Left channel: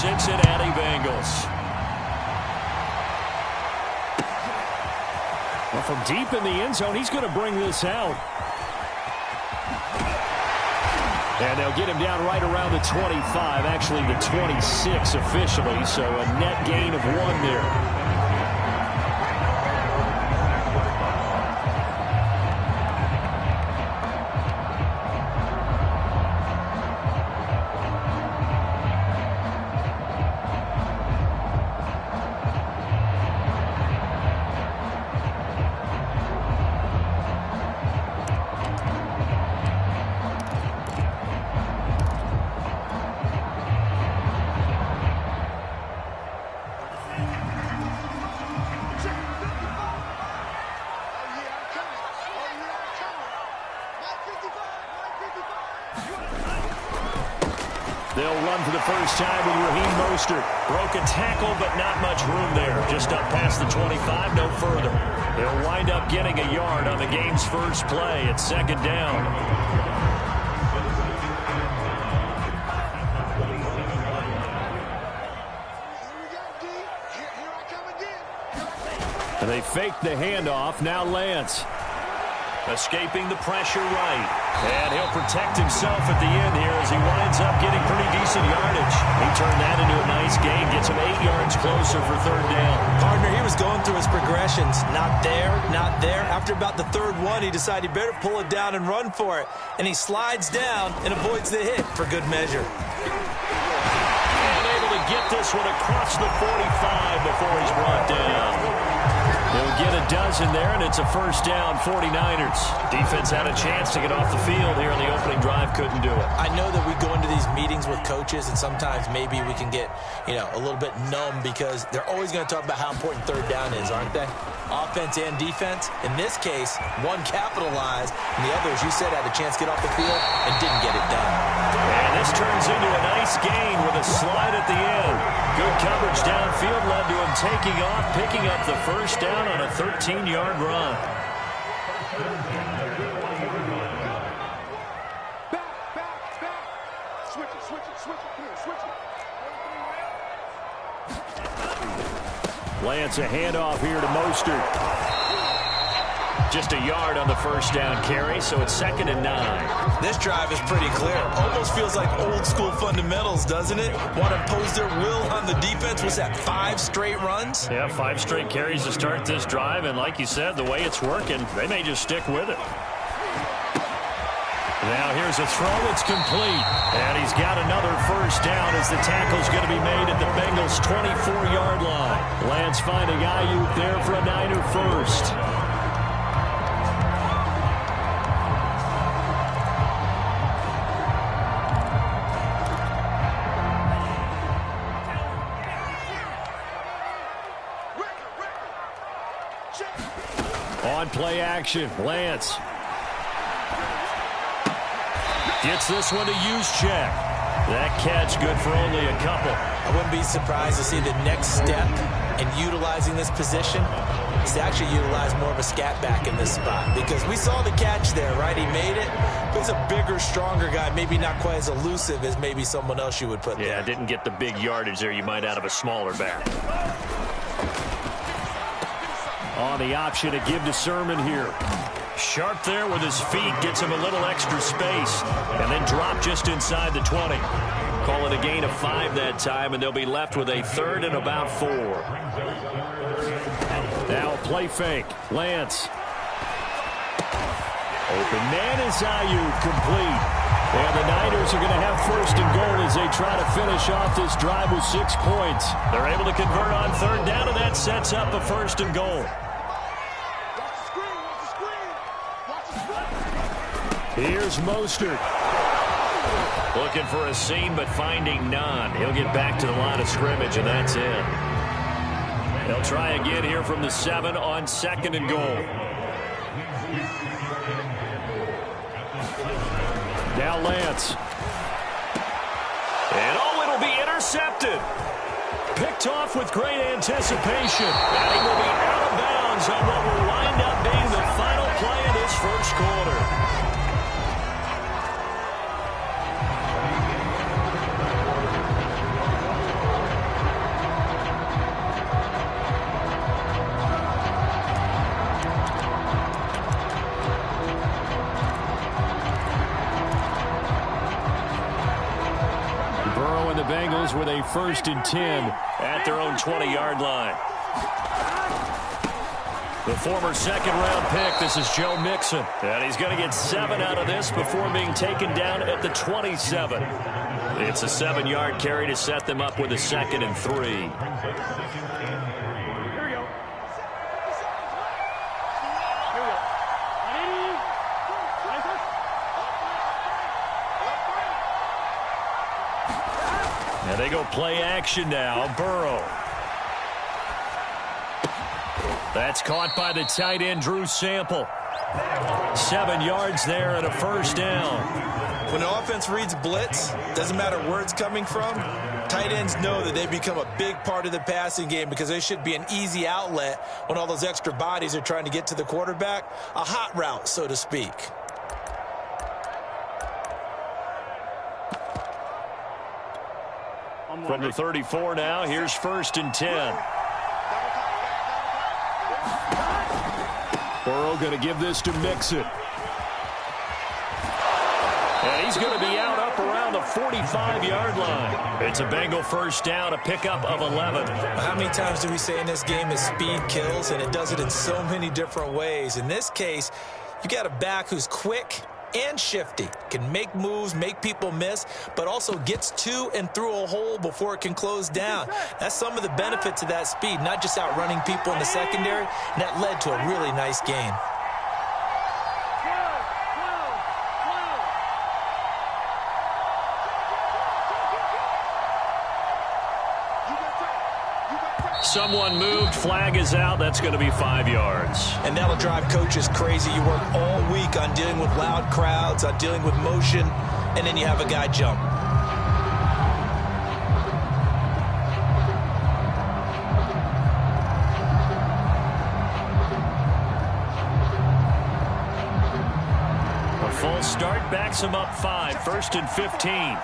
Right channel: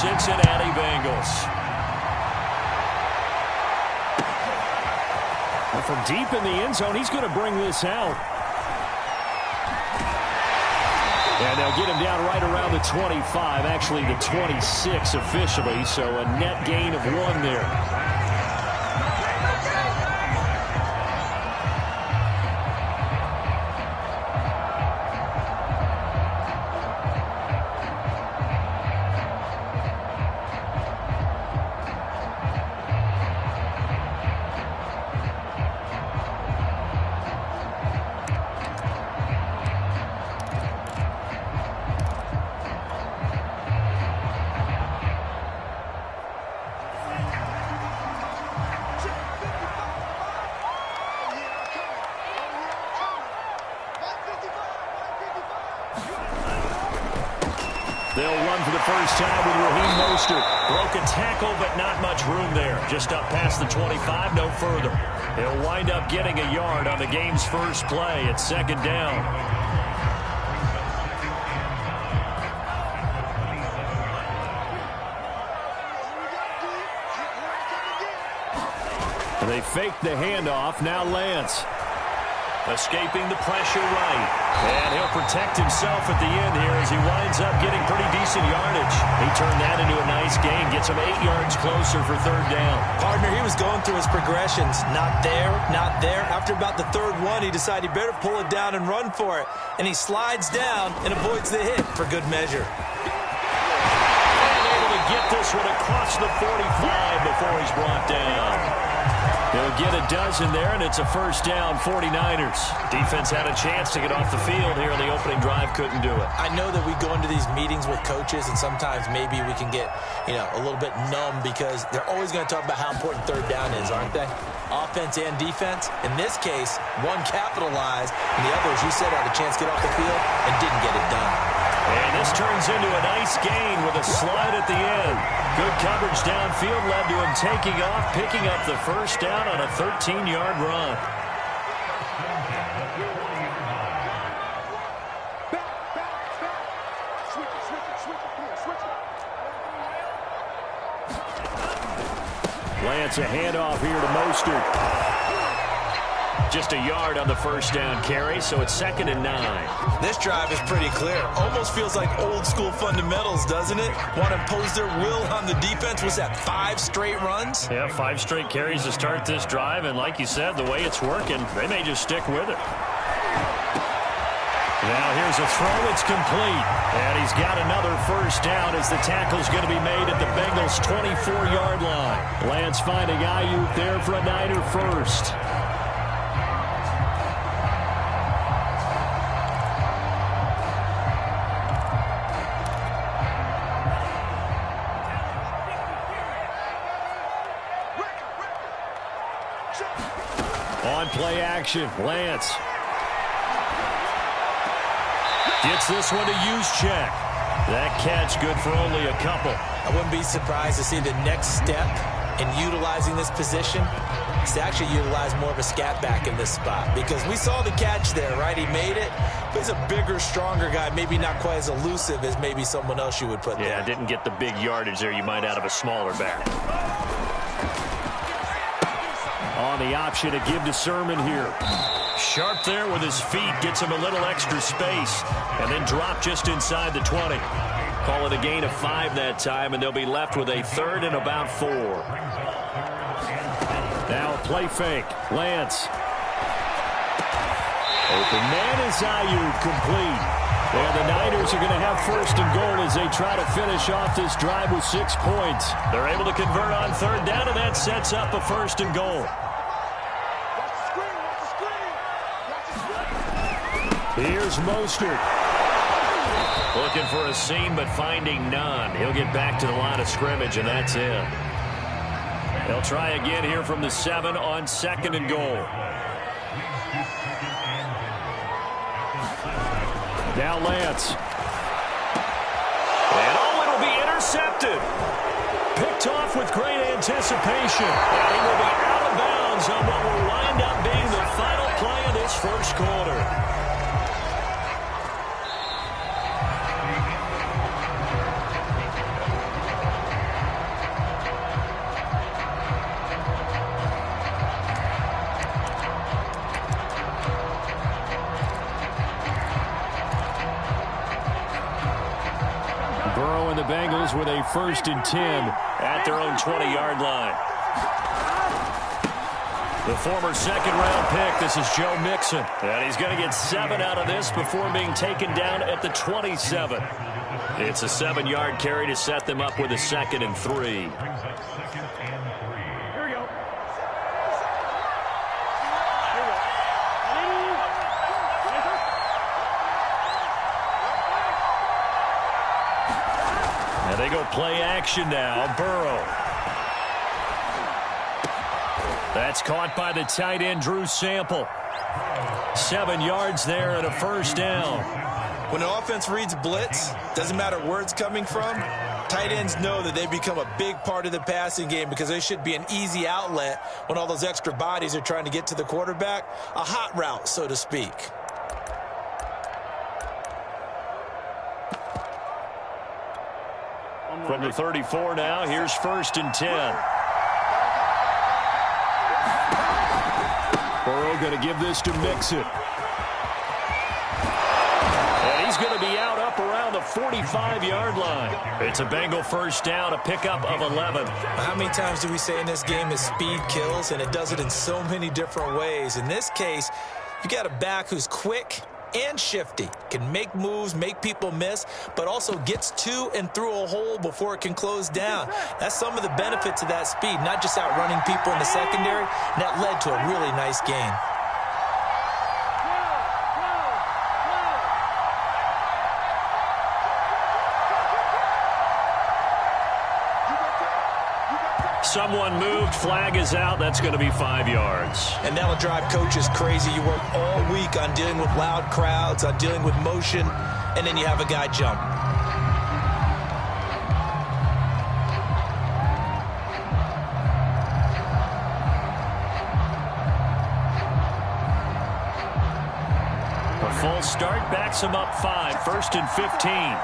Cincinnati Bengals. Well, from deep in the end zone, he's going to bring this out. And they'll get him down right around the 25, actually the 26 officially, so a net gain of 1 there. They'll run for the first time with Raheem Mostert. Broke a tackle, but not much room there. Just up past the 25, no further. He'll wind up getting a yard on the game's first play at 2nd down. And they fake the handoff. Now Lance. Escaping the pressure right. And he'll protect himself at the end here as he winds up getting pretty decent yardage. He turned that into a nice gain. Gets him 8 yards closer for 3rd down. Partner, he was going through his progressions. Not there, not there. After about the 3rd one, he decided he better pull it down and run for it. And he slides down and avoids the hit for good measure. And able to get this one across the 45 before he's brought down. He'll get a dozen there, and it's a 1st down, 49ers. Defense had a chance to get off the field here on the opening drive, couldn't do it. I know that we go into these meetings with coaches, and sometimes maybe we can get, a little bit numb because they're always going to talk about how important 3rd down is, aren't they? Offense and defense. In this case, one capitalized, and the other, as you said, had a chance to get off the field and didn't get it done. And this turns into a nice gain with a slide at the end. Good coverage downfield led to him taking off, picking up the 1st down on a 13-yard run. Lance, a handoff here to Mostert. Just a yard on the 1st down carry, so it's 2nd and 9. This drive is pretty clear. Almost feels like old school fundamentals, doesn't it? Want to impose their will on the defense. Was that 5 straight runs? Yeah, 5 straight carries to start this drive, and like you said, the way it's working, they may just stick with it. Now here's a throw. It's complete. And he's got another 1st down as the tackle's going to be made at the Bengals' 24-yard line. Lance finding Ayuk there for a Niner first. On play action, Lance gets this one to Juszczyk. That catch good for only a couple. I wouldn't be surprised to see the next step in utilizing this position is to actually utilize more of a scat back in this spot, because we saw the catch there, right? He made it, but he's a bigger, stronger guy, maybe not quite as elusive as maybe someone else you would put there. Yeah, didn't get the big yardage there you might out of a smaller back. On the option to give to Sermon here. Sharp there with his feet, gets him a little extra space, and then drop just inside the 20. Call it a gain of 5 that time, and they'll be left with a 3rd and about 4. Now a play fake. Lance. Open man is Ayuk, complete. And the Niners are going to have 1st and goal as they try to finish off this drive with 6 points. They're able to convert on 3rd down, and that sets up a 1st and goal. Here's Mostert. Looking for a seam, but finding none. He'll get back to the line of scrimmage, and that's it. They'll try again here from the 7 on 2nd and goal. Now Lance. And it'll be intercepted. Picked off with great anticipation. And he will be out of bounds on what will wind up being the final play of this 1st quarter. Bengals with a 1st and 10 at their own 20-yard line. The former second-round pick, this is Joe Mixon. And he's going to get 7 out of this before being taken down at the 27. It's a 7-yard carry to set them up with a 2nd and 3. Here we go. And they go play action now. Burrow. That's caught by the tight end, Drew Sample. 7 yards there and a 1st down. When the offense reads blitz, doesn't matter where it's coming from, tight ends know that they become a big part of the passing game because they should be an easy outlet when all those extra bodies are trying to get to the quarterback. A hot route, so to speak. From the 34 now, here's 1st and 10. Burrow going to give this to Mixon. And he's going to be out up around the 45-yard line. It's a Bengal 1st down, a pickup of 11. How many times do we say in this game is speed kills, and it does it in so many different ways. In this case, you got a back who's quick and shifty, can make moves, make people miss, but also gets to and through a hole before it can close down. That's some of the benefits of that speed, not just outrunning people in the secondary, and that led to a really nice gain. Someone moved, flag is out. That's going to be 5 yards. And that'll drive coaches crazy. You work all week on dealing with loud crowds, on dealing with motion, and then you have a guy jump. A full start backs him up 5, 1st and 15.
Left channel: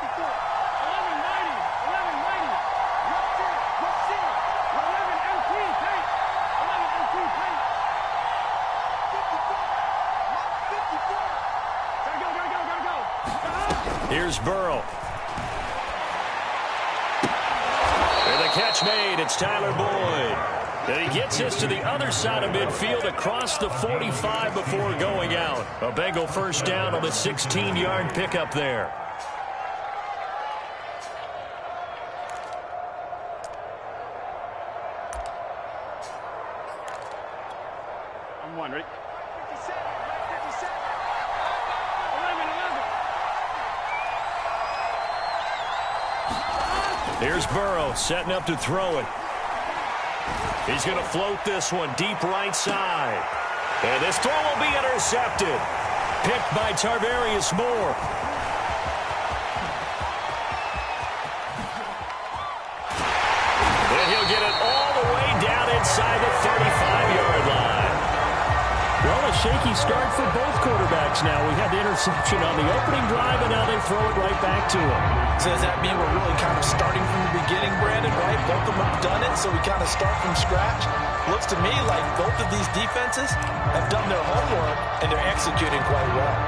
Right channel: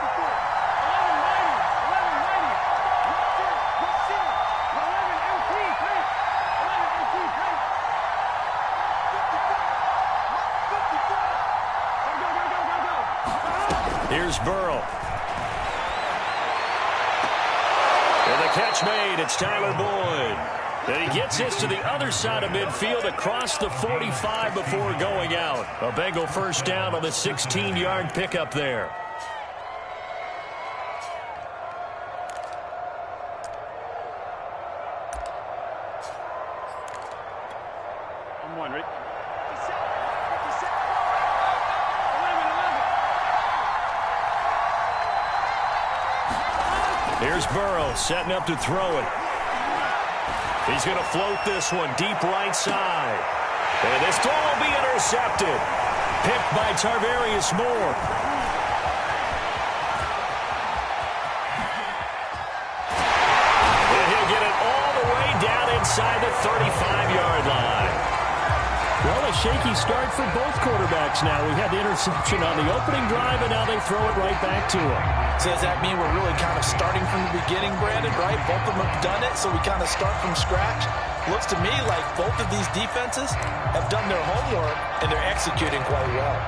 Here's Burrow. And the catch made. It's Tyler Boyd. And he gets this to the other side of midfield across the 45 before going out. A Bengal 1st down on the 16-yard pickup there. I'm one, ready? 57, 57. 11. Here's Burrow setting up to throw it. He's going to float this one deep right side. And this throw will be intercepted. Picked by Tarvarius Moore. And he'll get it all the way down inside the 35-yard line. Well, a shaky start for both quarterbacks now. We had the interception on the opening drive, and now they throw it right back to him. So does that mean we're really kind of starting from the beginning, Brandon, right? Both of them have done it, so we kind of start from scratch. Looks to me like both of these defenses have done their homework, and they're executing quite well.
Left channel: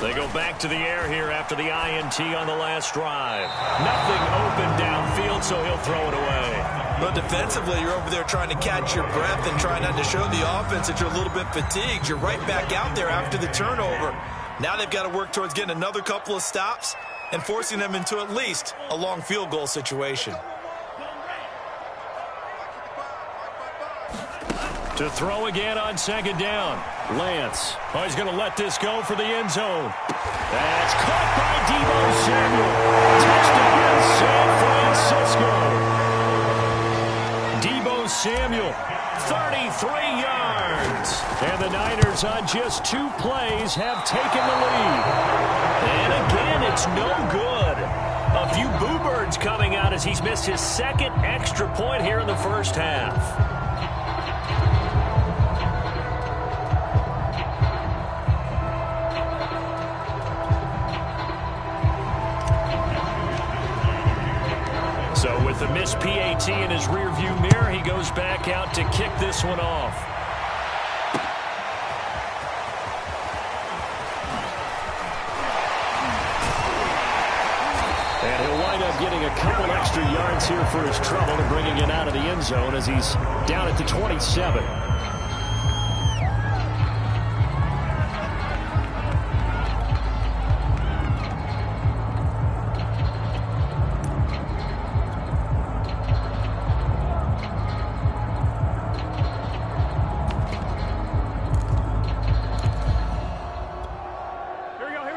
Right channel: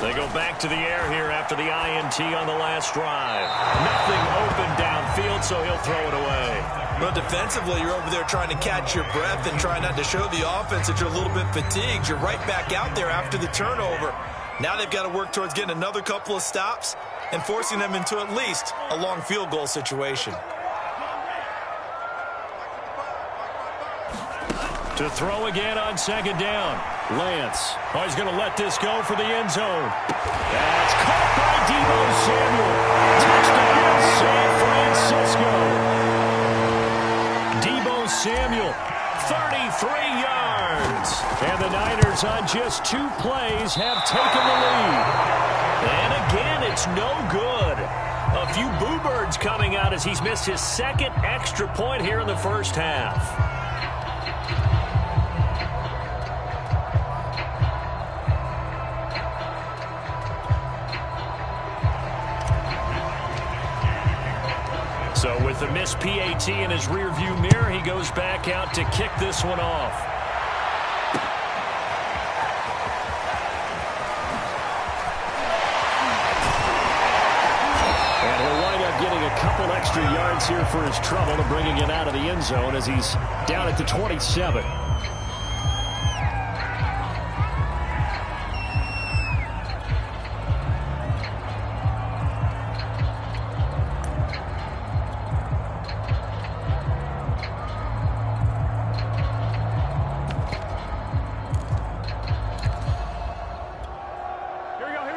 They go back to the air here after the INT on the last drive. Nothing open downfield, so he'll throw it away. Well, defensively, you're over there trying to catch your breath and try not to show the offense that you're a little bit fatigued. You're right back out there after the turnover. Now they've got to work towards getting another couple of stops and forcing them into at least a long field goal situation. To throw again on 2nd down. Lance. Oh, he's going to let this go for the end zone. That's caught by Deebo Samuel. Touchdown, San Francisco. Deebo Samuel, 33 yards. And the Niners on just 2 plays have taken the lead. And again, it's no good. A few boo birds coming out as he's missed his 2nd extra point here in the first half. So with the missed PAT in his rearview mirror, he goes back out to kick this one off. And he'll wind up getting a couple extra yards here for his trouble and bringing it out of the end zone as he's down at the 27.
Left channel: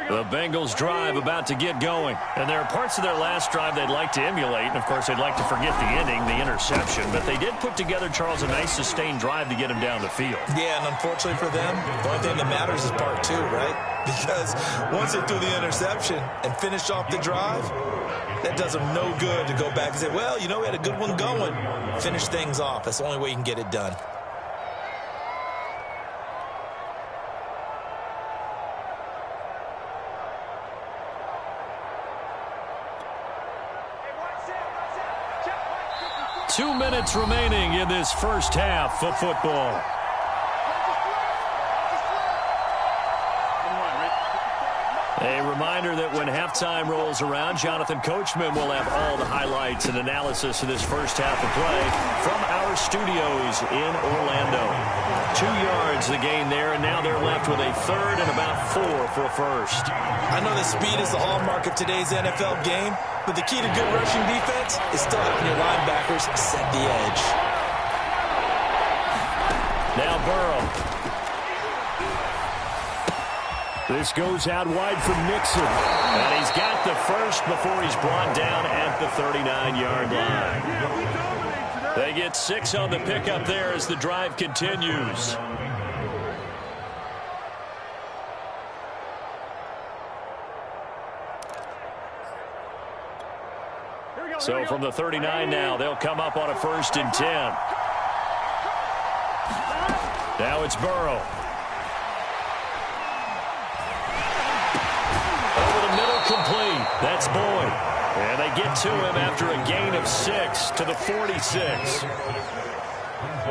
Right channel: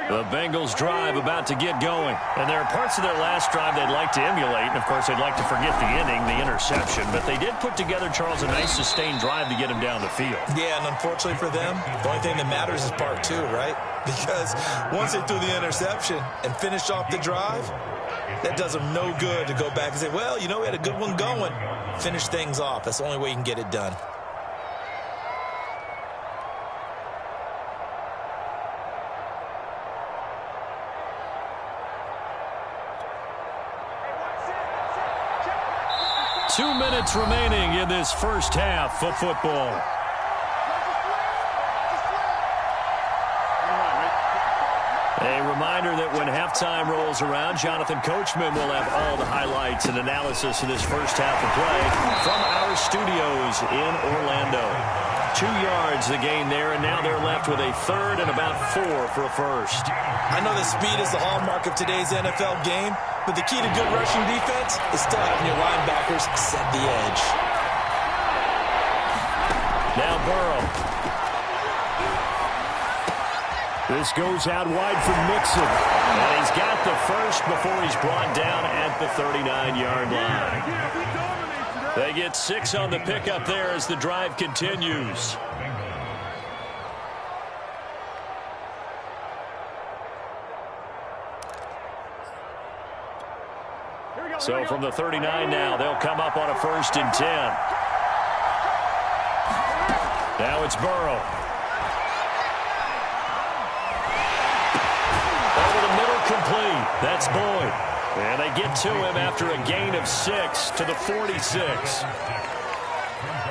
The Bengals drive about to get going. And there are parts of their last drive they'd like to emulate. And, of course, they'd like to forget the ending, the interception. But they did put together, Charles, a nice sustained drive to get him down the field. Yeah, and unfortunately for them, the only thing that matters is part two, right? Because once they threw the interception and finished off the drive, that does them no good to go back and say, well, you know, we had a good one going. Finish things off. That's the only way you can get it done. Two minutes remaining in this first half of football. A reminder that when halftime rolls around, Jonathan Coachman will have all the highlights and analysis of this first half of play from our studios in Orlando. 2 yards the gain there, and now they're left with a third and about 4 for a first. I know that speed is the hallmark of today's NFL game, but the key to good rushing defense is still having your linebackers set the edge. Now Burrow. This goes out wide for Mixon. And he's got the first before he's brought down at the 39-yard line. They get 6 on the pickup there as the drive continues. So from the 39 now, they'll come up on a 1st and 10. Now it's Burrow. Over the middle, complete. That's Boyd. And they get to him after a gain of 6 to the 46.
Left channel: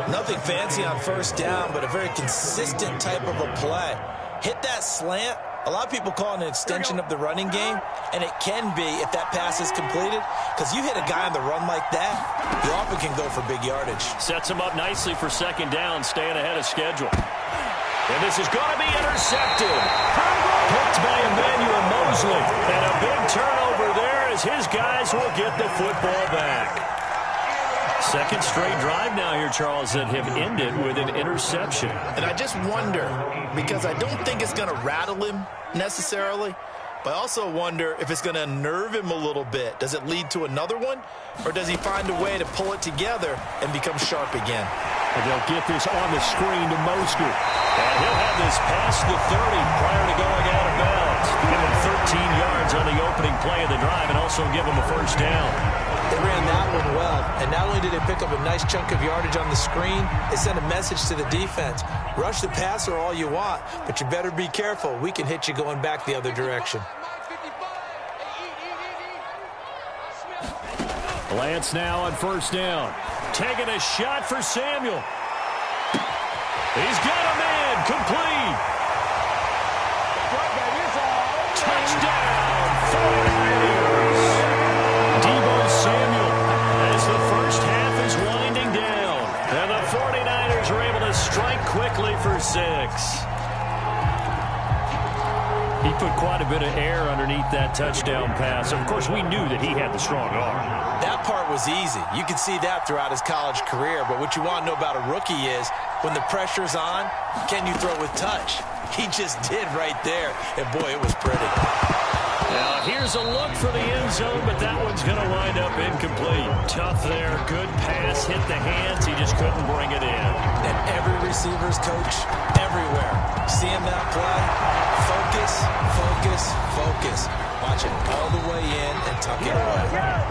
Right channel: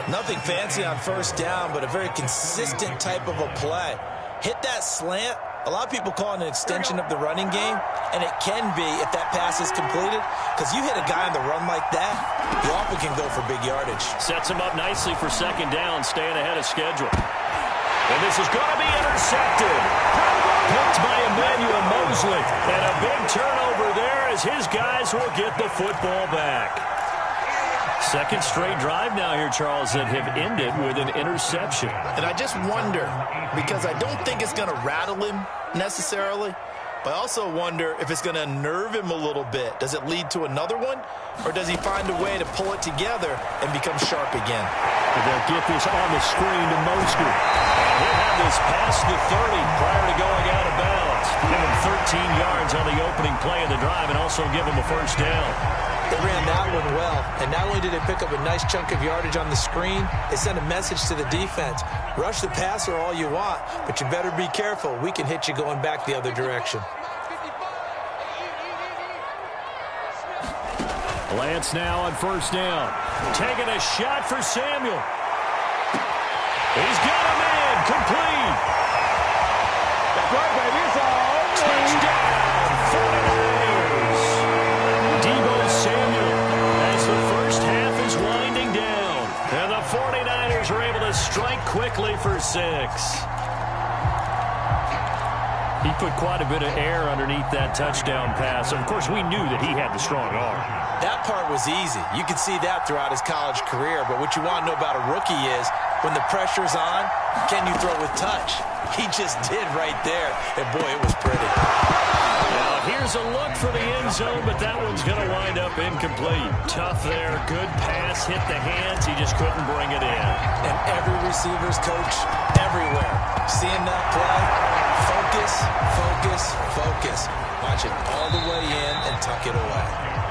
Nothing fancy on 1st down, but a very consistent type of a play. Hit that slant. A lot of people call it an extension of the running game, and it can be if that pass is completed, because you hit a guy on the run like that, you often can go for big yardage. Sets him up nicely for 2nd down, staying ahead of schedule. And this is going to be intercepted. Picked by Emmanuel Mosley. And a big turnover there as his guys will get the football back. 2nd straight drive now here, Charles, that have ended with an interception. And I just wonder, because I don't think it's going to rattle him necessarily, but I also wonder if it's going to unnerve him a little bit. Does it lead to another one, or does he find a way to pull it together and become sharp again? And they'll get this on the screen to Mostert. And he'll have this past the 30 prior to going out of bounds. Give him 13 yards on the opening play of the drive and also give him a 1st down. They ran that one well, and not only did they pick up a nice chunk of yardage on the screen, they sent a message to the defense. Rush the passer all you want, but you better be careful. We can hit you going back the other direction. Lance now on 1st down. Taking a shot for Samuel. He's got a man. Complete. That's right, baby. It's all Touchdown, 49ers. Deebo Samuel as the first half is winding down. And the 49ers are able to strike quickly for 6. He put quite a bit of air underneath that touchdown pass. Of course, we knew that he had the strong arm. That part was easy. You could see that throughout his college career. But what you want to know about a rookie is when the pressure's on, can you throw with touch? He just did right there. And, boy, it was pretty. Now, here's a look for the end zone, but that one's going to wind up incomplete. Tough there. Good pass. Hit the hands. He just couldn't bring it in. And every receiver's coach everywhere. Seeing that play, focus, focus, focus. Watch it all the way in and tuck it away.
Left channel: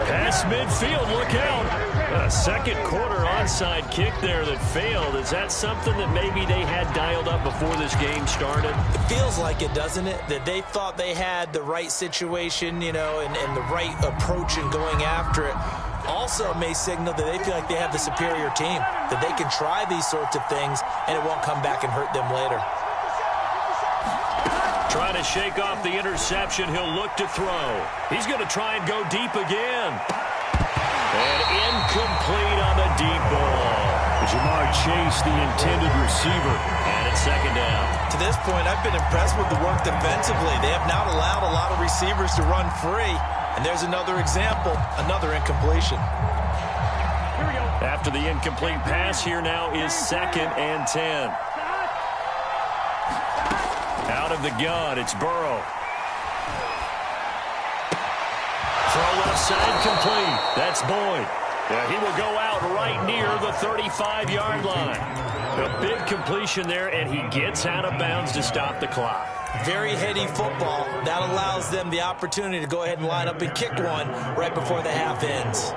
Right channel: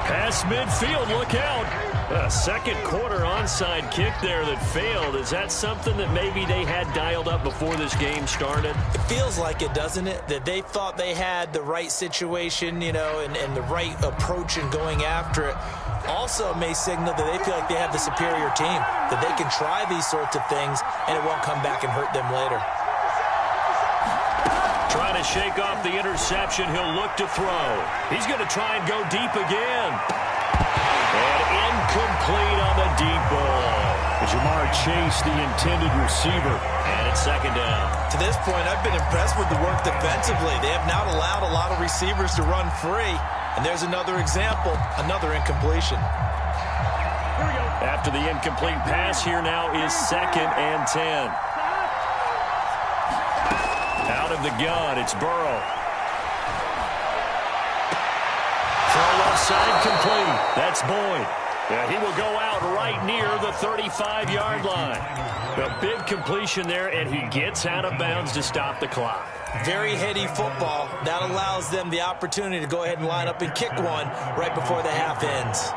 Pass midfield, look out. A 2nd quarter onside kick there that failed. Is that something that maybe they had dialed up before this game started? It feels like it, doesn't it? That they thought they had the right situation, you know, and the right approach in going after it. Also may signal that they feel like they have the superior team, that they can try these sorts of things and it won't come back and hurt them later. Trying to shake off the interception. He'll look to throw. He's going to try and go deep again. And incomplete on the deep ball. Jamar Chase, the intended receiver. And it's second down. To this point, I've been impressed with the work defensively. They have not allowed a lot of receivers to run free. And there's another example, another incompletion. Here we go. After the incomplete pass, here now is 2nd and 10. Out of the gun, it's Burrow. Throw left side complete. That's Boyd. Yeah, he will go out right near the 35-yard line. A big completion there, and he gets out of bounds to stop the clock. Very heady football. That allows them the opportunity to go ahead and line up and kick one right before the half ends.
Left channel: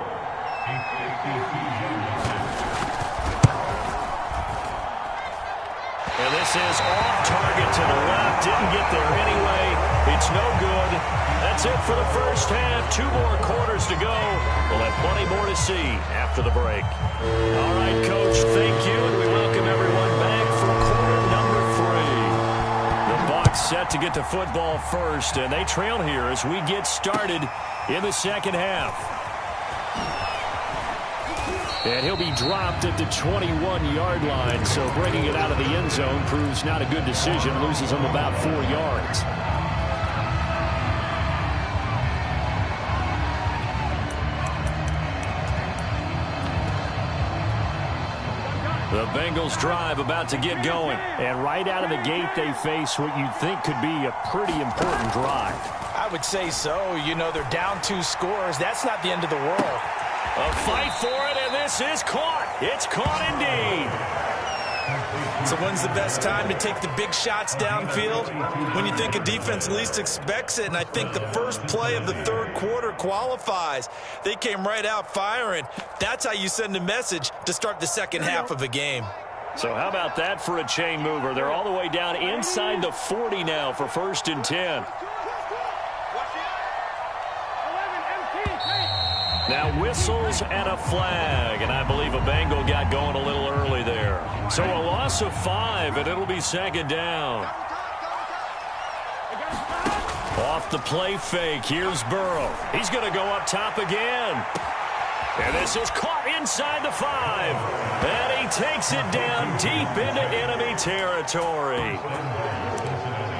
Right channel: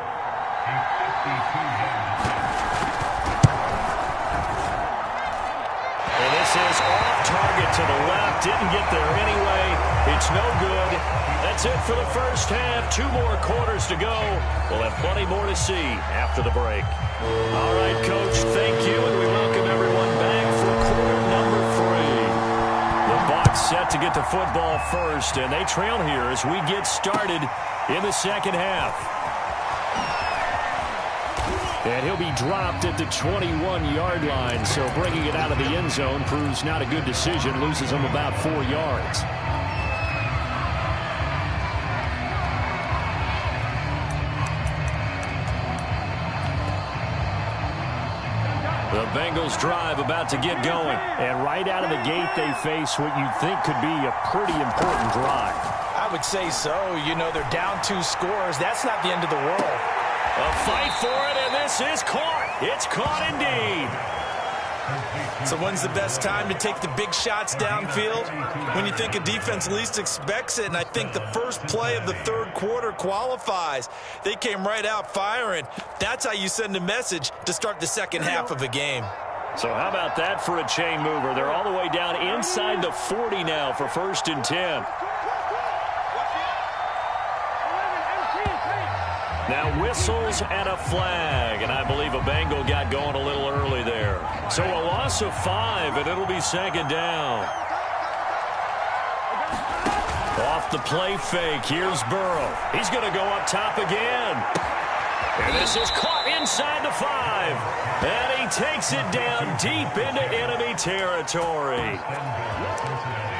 And this is off target to the left. Didn't get there anyway. It's no good. That's it for the first half. 2 more quarters to go. We'll have plenty more to see after the break. All right, Coach, thank you, and we welcome everyone back for quarter number 3. The Bucs set to get to football first, and they trail here as we get started in the second half. And he'll be dropped at the 21-yard line, so bringing it out of the end zone proves not a good decision. Loses him about 4 yards. The Bengals drive about to get going. And right out of the gate, they face what you'd think could be a pretty important drive. I would say so. You know, they're down 2 scores. That's not the end of the world. A fight for it, and this is caught. It's caught indeed. So when's the best time to take the big shots downfield? When you think a defense least expects it, and I think the first play of the third quarter qualifies. They came right out firing. That's how you send a message to start the second half of a game. So how about that for a chain mover? They're all the way down inside the 40 now for 1st and 10. Now whistles and a flag, and I believe a Bengal got going a little early there. So a loss of 5, and it'll be 2nd down. Off the play fake, here's Burrow. He's going to go up top again. And this is caught inside the 5. And he takes it down deep into enemy territory.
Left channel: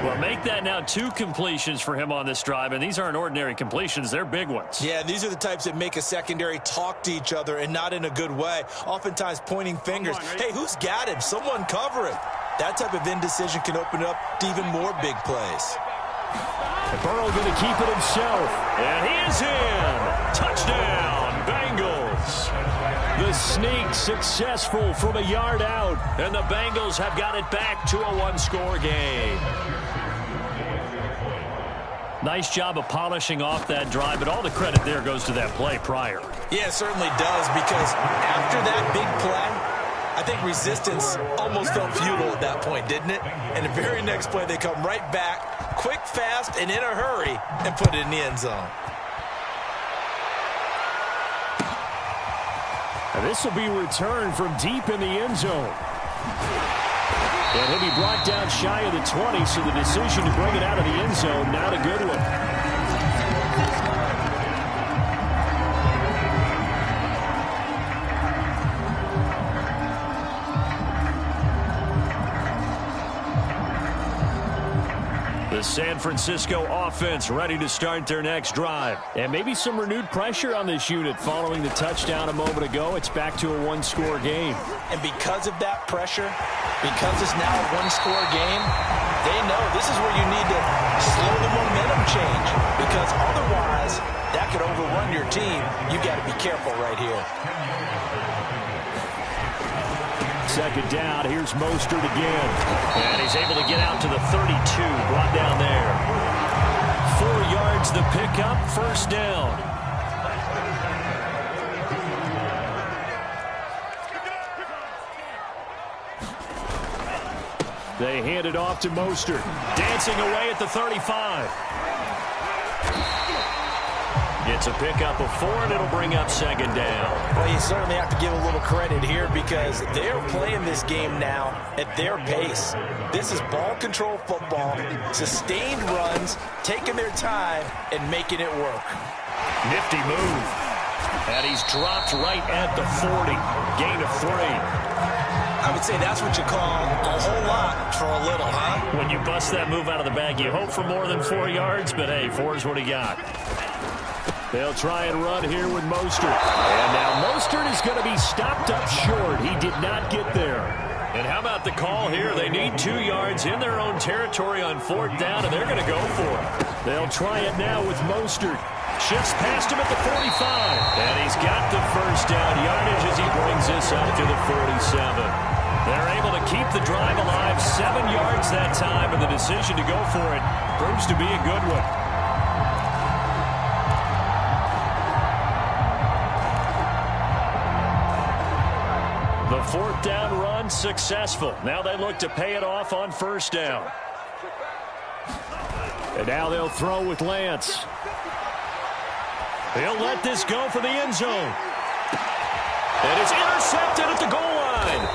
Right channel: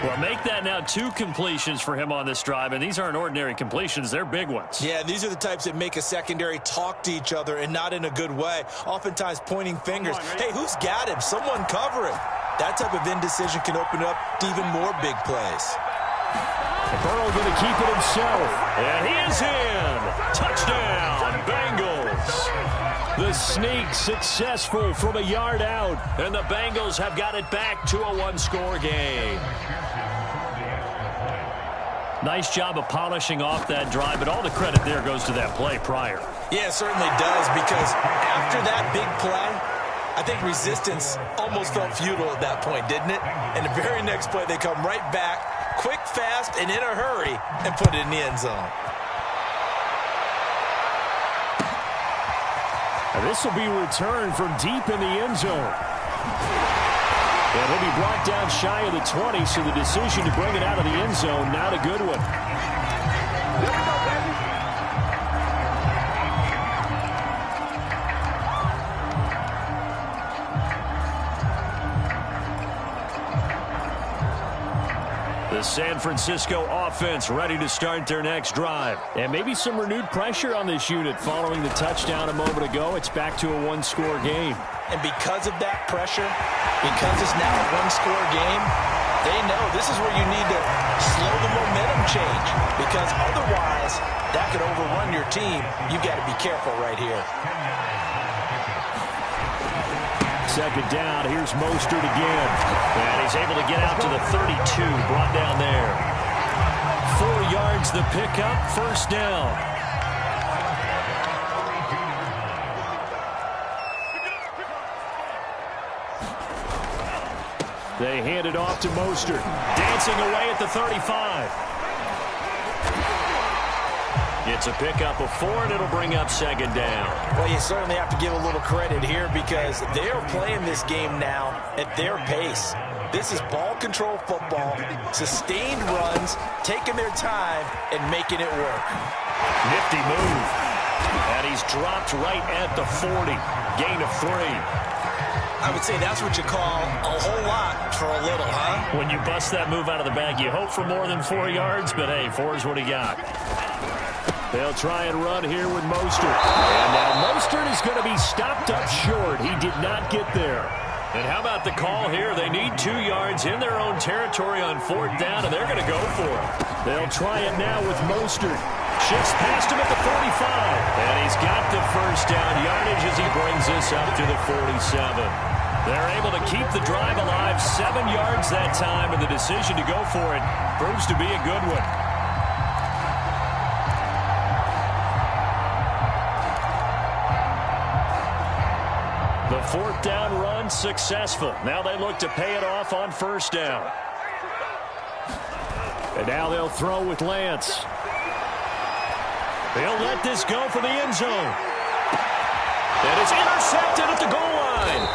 Well, make that now 2 completions for him on this drive, and these aren't ordinary completions. They're big ones. Yeah, these are the types that make a secondary talk to each other and not in a good way, oftentimes pointing fingers. Hey, who's got him? Someone cover him. That type of indecision can open up to even more big plays. And Burrow going to keep it himself. And he is in. Touchdown, Bengals. The sneak successful from a yard out, and the Bengals have got it back to a 1-score game. Nice job of polishing off that drive, but all the credit there goes to that play prior. Yeah, it certainly does, because after that big play, I think resistance almost felt futile at that point, didn't it? And the very next play, they come right back, quick, fast, and in a hurry, and put it in the end zone. And this will be returned from deep in the end zone. And he'll be brought down shy of the 20, so the decision to bring it out of the end zone, not a good one. The San Francisco offense ready to start their next drive. And maybe some renewed pressure on this unit following the touchdown a moment ago. It's back to a 1-score game. And because of that pressure, because it's now a 1-score game, they know this is where you need to slow the momentum change, because otherwise that could overrun your team. You've got to be careful right here. 2nd down, here's Mostert again. And he's able to get out to the 32, brought down there. 4 yards the pickup, 1st down. They hand it off to Mostert. Dancing away at the 35. It's a pickup of 4, and it'll bring up second down. Well, you certainly have to give a little credit here because they're playing this game now at their pace. This is ball control football, sustained runs, taking their time, and making it work. Nifty move. And he's dropped right at the 40. Gain of 3. I would say that's what you call a whole lot for a little, huh? When you bust that move out of the bag, you hope for more than 4 yards, but hey, 4 is what he got. They'll try and run here with Mostert. And now Mostert is going to be stopped up short. He did not get there. And how about the call here? They need 2 yards in their own territory on 4th down, and they're going to go for it. They'll try it now with Mostert. Shifts past him at the 45. And he's got the first down yardage as he brings this up to the 47. They're able to keep the drive alive, 7 yards that time, and the decision to go for it proves to be a good one. The 4th down run successful. Now they look to pay it off on 1st down. And now they'll throw with Lance. He'll let this go for the end zone. And it's intercepted at the goal line.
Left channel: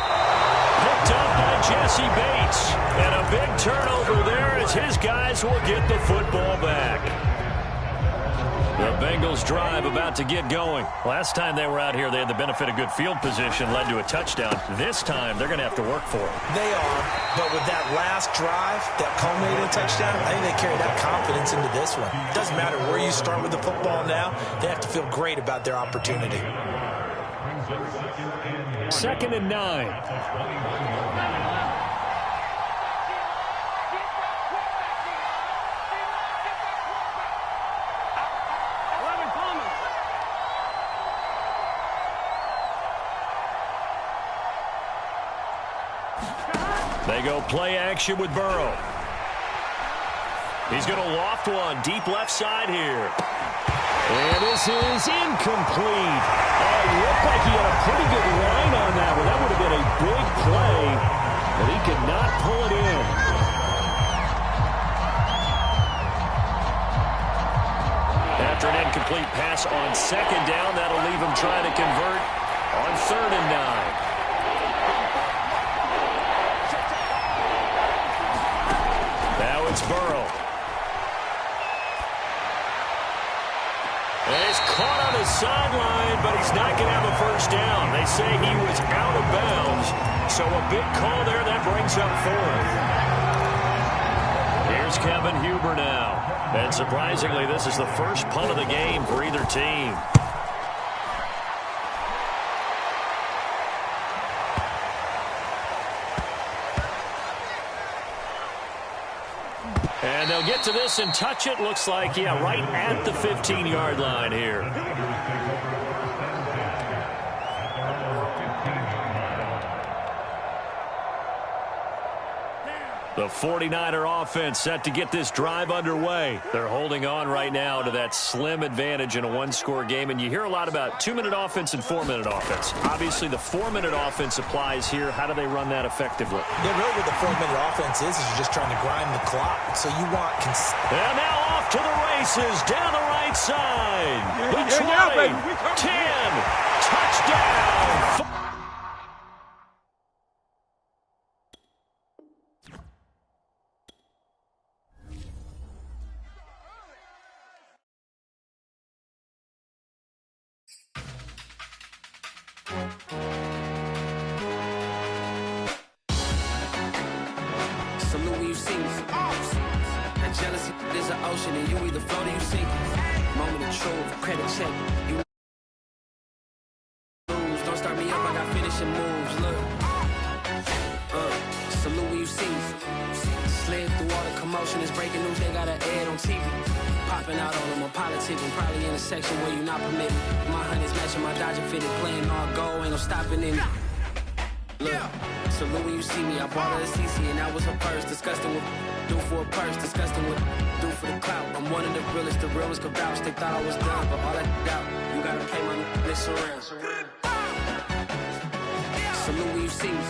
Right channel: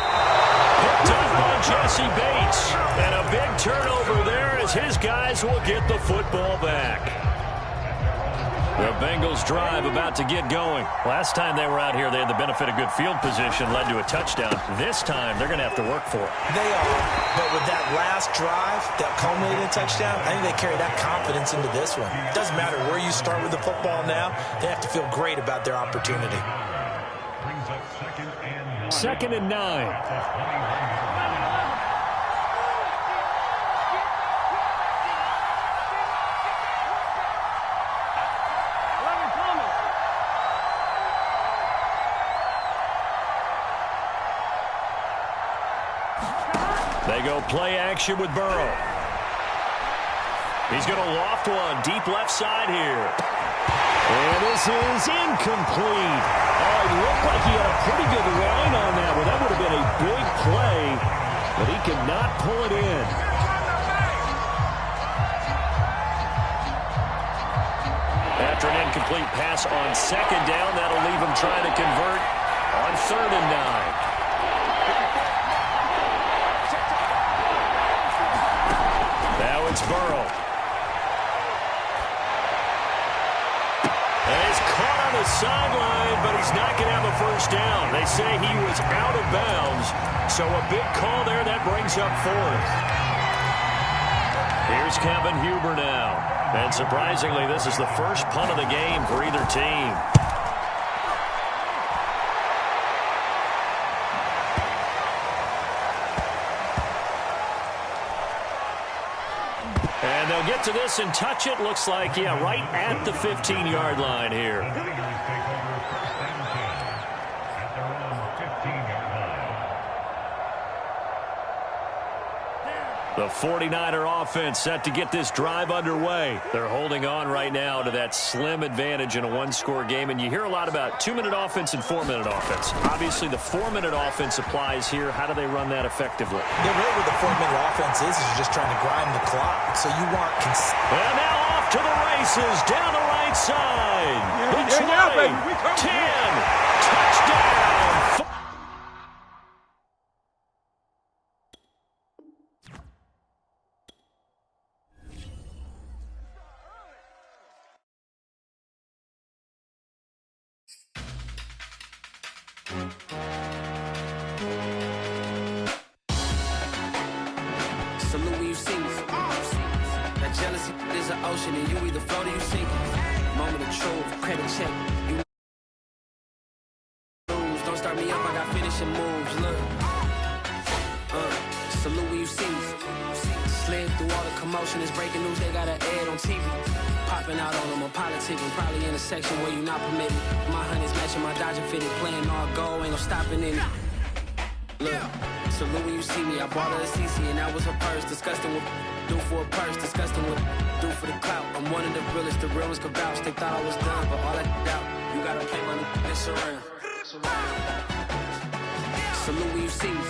Picked up by Jesse Bates. And a big turnover there as his guys will get the football back. The Bengals drive about to get going. Last time they were out here, they had the benefit of good field position, led to a touchdown. This time, they're going to have to work for it. They are, but with that last drive that culminated in a touchdown, I think they carry that confidence into this one. It doesn't matter where you start with the football now. They have to feel great about their opportunity. 2nd and 9. They go play action with Burrow. He's going to loft one deep left side here. And this is incomplete. Oh, it looked like he had a pretty good line on that one. That would have been a big play, but he could not pull it in. After an incomplete pass on 2nd down, that'll leave him trying to convert on 3rd and 9. Now it's Burrow. And he's caught on the sideline, but he's not going to have a first down. They say he was out of bounds, so a big call there. That brings up 4th. Here's Kevin Huber now. And surprisingly, this is the first punt of the game for either team. And they'll get to this and touch it. Looks like, yeah, right at the 15-yard line here. The 49er offense set to get this drive underway. They're holding on right now to that slim advantage in a one-score game. And you hear a lot about 2-minute offense and 4-minute offense. Obviously, the 4-minute offense applies here. How do they run that effectively? Yeah, really what the 4-minute offense is you're just trying to grind the clock. So you want... And now off to the races down the right side. The 20, baby. We 10, touchdown. Salute when you see me. That jealousy is an ocean, and you either float or you sink. Moment of truth, credit check. You lose. Don't start me up, I got finishing moves. Look. Salute when you see me. Slid through all the commotion, it's breaking news, they got an ad on TV. Popping out on them, I'm politicking, probably in a section where you not permitted. My honey's matching my Dodger fitted, playing all goal, ain't no stopping in it. Look, salute when you see me, I bought her a CC and that was her purse. Disgusting what do for a purse, disgusting what do for the clout. I'm one of the realest, the realest could vouch. They thought I was done, but all that doubt, you gotta play money next around. Salute when you see me.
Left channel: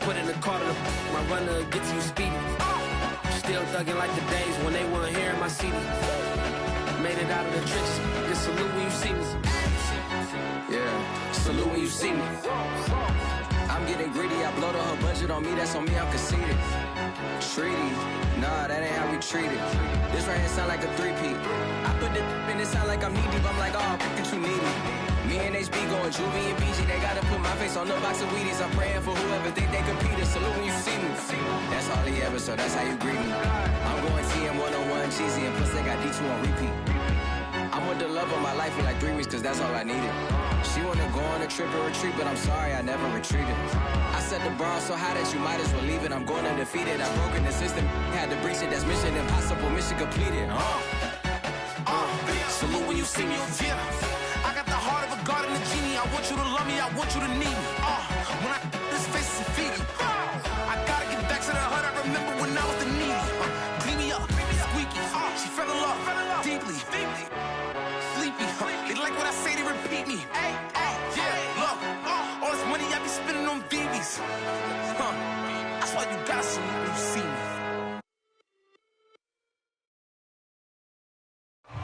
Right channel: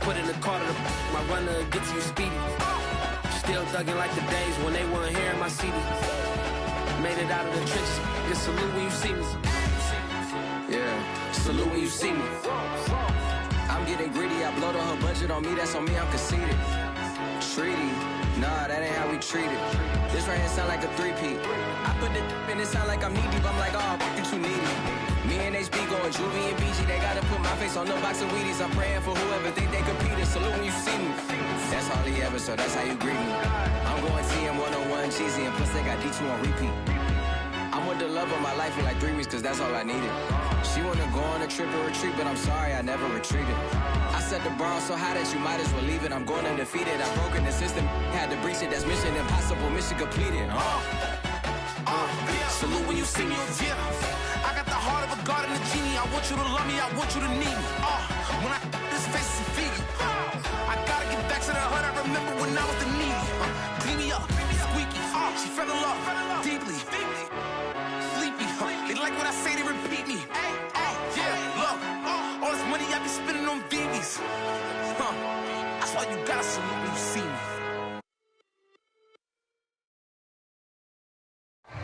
Put in the car to my runner gets you speedy. Still thugging like the days when they weren't here in my city. Made it out of the trenches. Just salute when you see me. Yeah, salute when you see me. I'm getting greedy. I blow the whole budget on me. That's on me. I'm conceited. Treaty. Nah, that ain't how we treat it. This right here sound like a three-peat. I put the in it sound like I'm knee-deep. I'm like, oh, you too needy. Me and HB going Juvie and BG. They gotta put my face on no box of Wheaties. I'm praying for whoever think they competed. Salute when you see me. That's all he ever, so that's how you greet me. I'm going TM 101 cheesy, and plus they got D2 on repeat. I'm with the love of my life in like 3 weeks, cause that's all I needed. She wanna go on a trip and retreat, but I'm sorry, I never retreated. I set the bar so high that you might as well leave it. I'm going undefeated. I've broken the system, had to breach it. That's mission impossible, mission completed. Salute when you see me, yeah. I got the heart of a god and a genie. I want you to love me, I want you to need me. When I this face is Fiji. I gotta get back to the hood. I remember when I was the needy. Clean me up, squeaky. She fell in love deeply. Sleepy. They like what I say, they repeat me. Yeah, look. All this money I be spending on BBs. That's why you gotta salute when you see me.